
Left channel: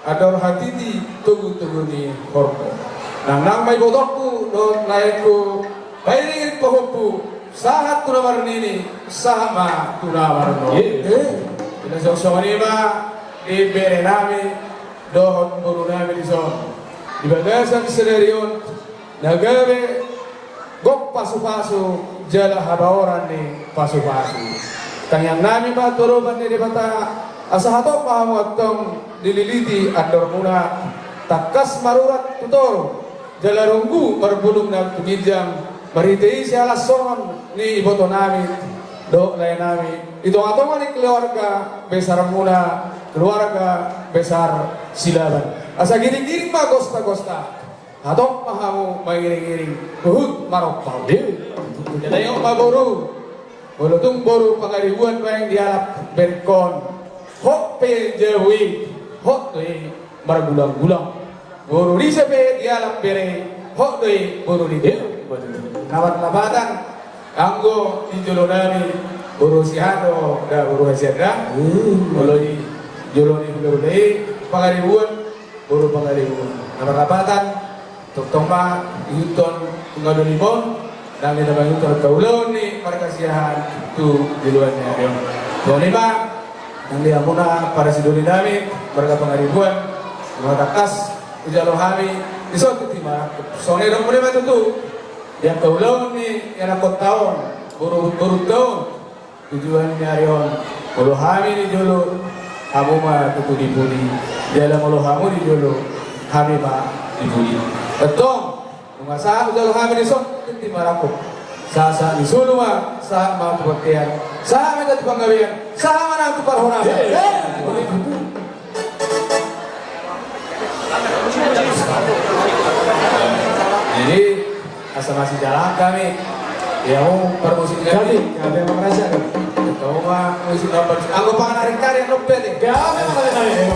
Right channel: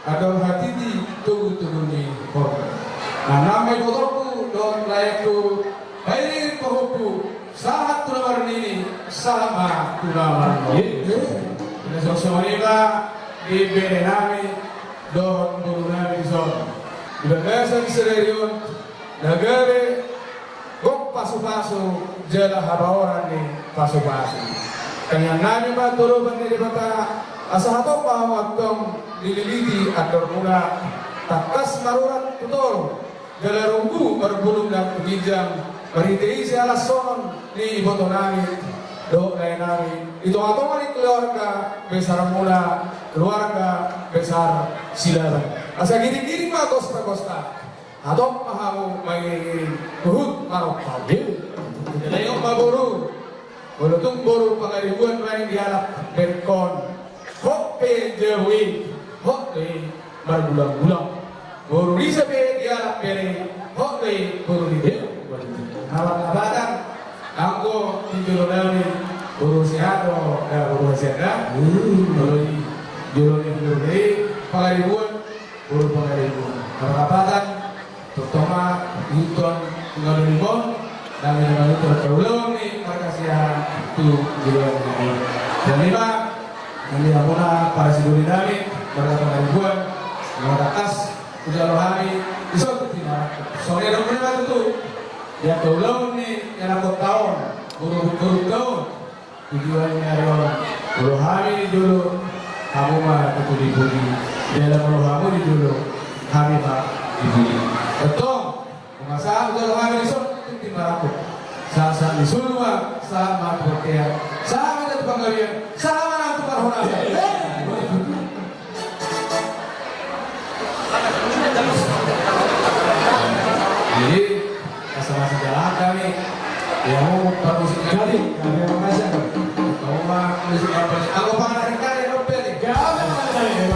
ador hatiti tunggu ni korban. Nah namai botorku dot laiku, bayirin pohonku, sahat tunamar ini sama tunamar ini. Kita sok-sok ini mah di berenami dot buru nami di son. Di bagasan sererion, nagare gok pasu-pasu jala habaoran ni pasu-pasu. Kanyang nami ba turuban ni bata Asa hato pahamuatong dililiti andor muna takas marurat tutol dalarunggu berbulung dan pemijam meritei si alas sonon ni iboto nami do layan nami itu atau mali keluarga besar mula keluarga besar silaban asa giring-giring mah gosta-gosta atau pahamu mengiring-iring kuhut marok pabil jadi yang maboru bolotung boru pangaribuan main dialap benkon hok pe jewi hok doi margulang-gulang boru risepe dialap bere hok doi boru di bel nawat labadang anggo injolo nami boru siado da boru hasilda boloi jolo ni boru dei pangaribuan boru pangaribuan nawat labadang terutama hiton ngado limon dan dengan itu terulun ni markasiahan itu juluannya dan lima nanti amuna para siduri nami mereka pengaribuan mengatas ujalo hami isot timah songe dong mereka tentu yang keulung ni yang aku tahun buru-buru tahun tujuannya rion ulu hami ni julu kamu mah tutu dibudi dalam ulu hamu di julu kami mah dibudi betul mengasah ujalo hami isot timah aku sa disuruh mah sa mah pengertian sa mah jadi penggawian sa mah nanti parhona jadi asal masih jalan kami ya mau permusik kali kami mengasah kau mah musik apa aku pengen karya nobel ya kami mengenai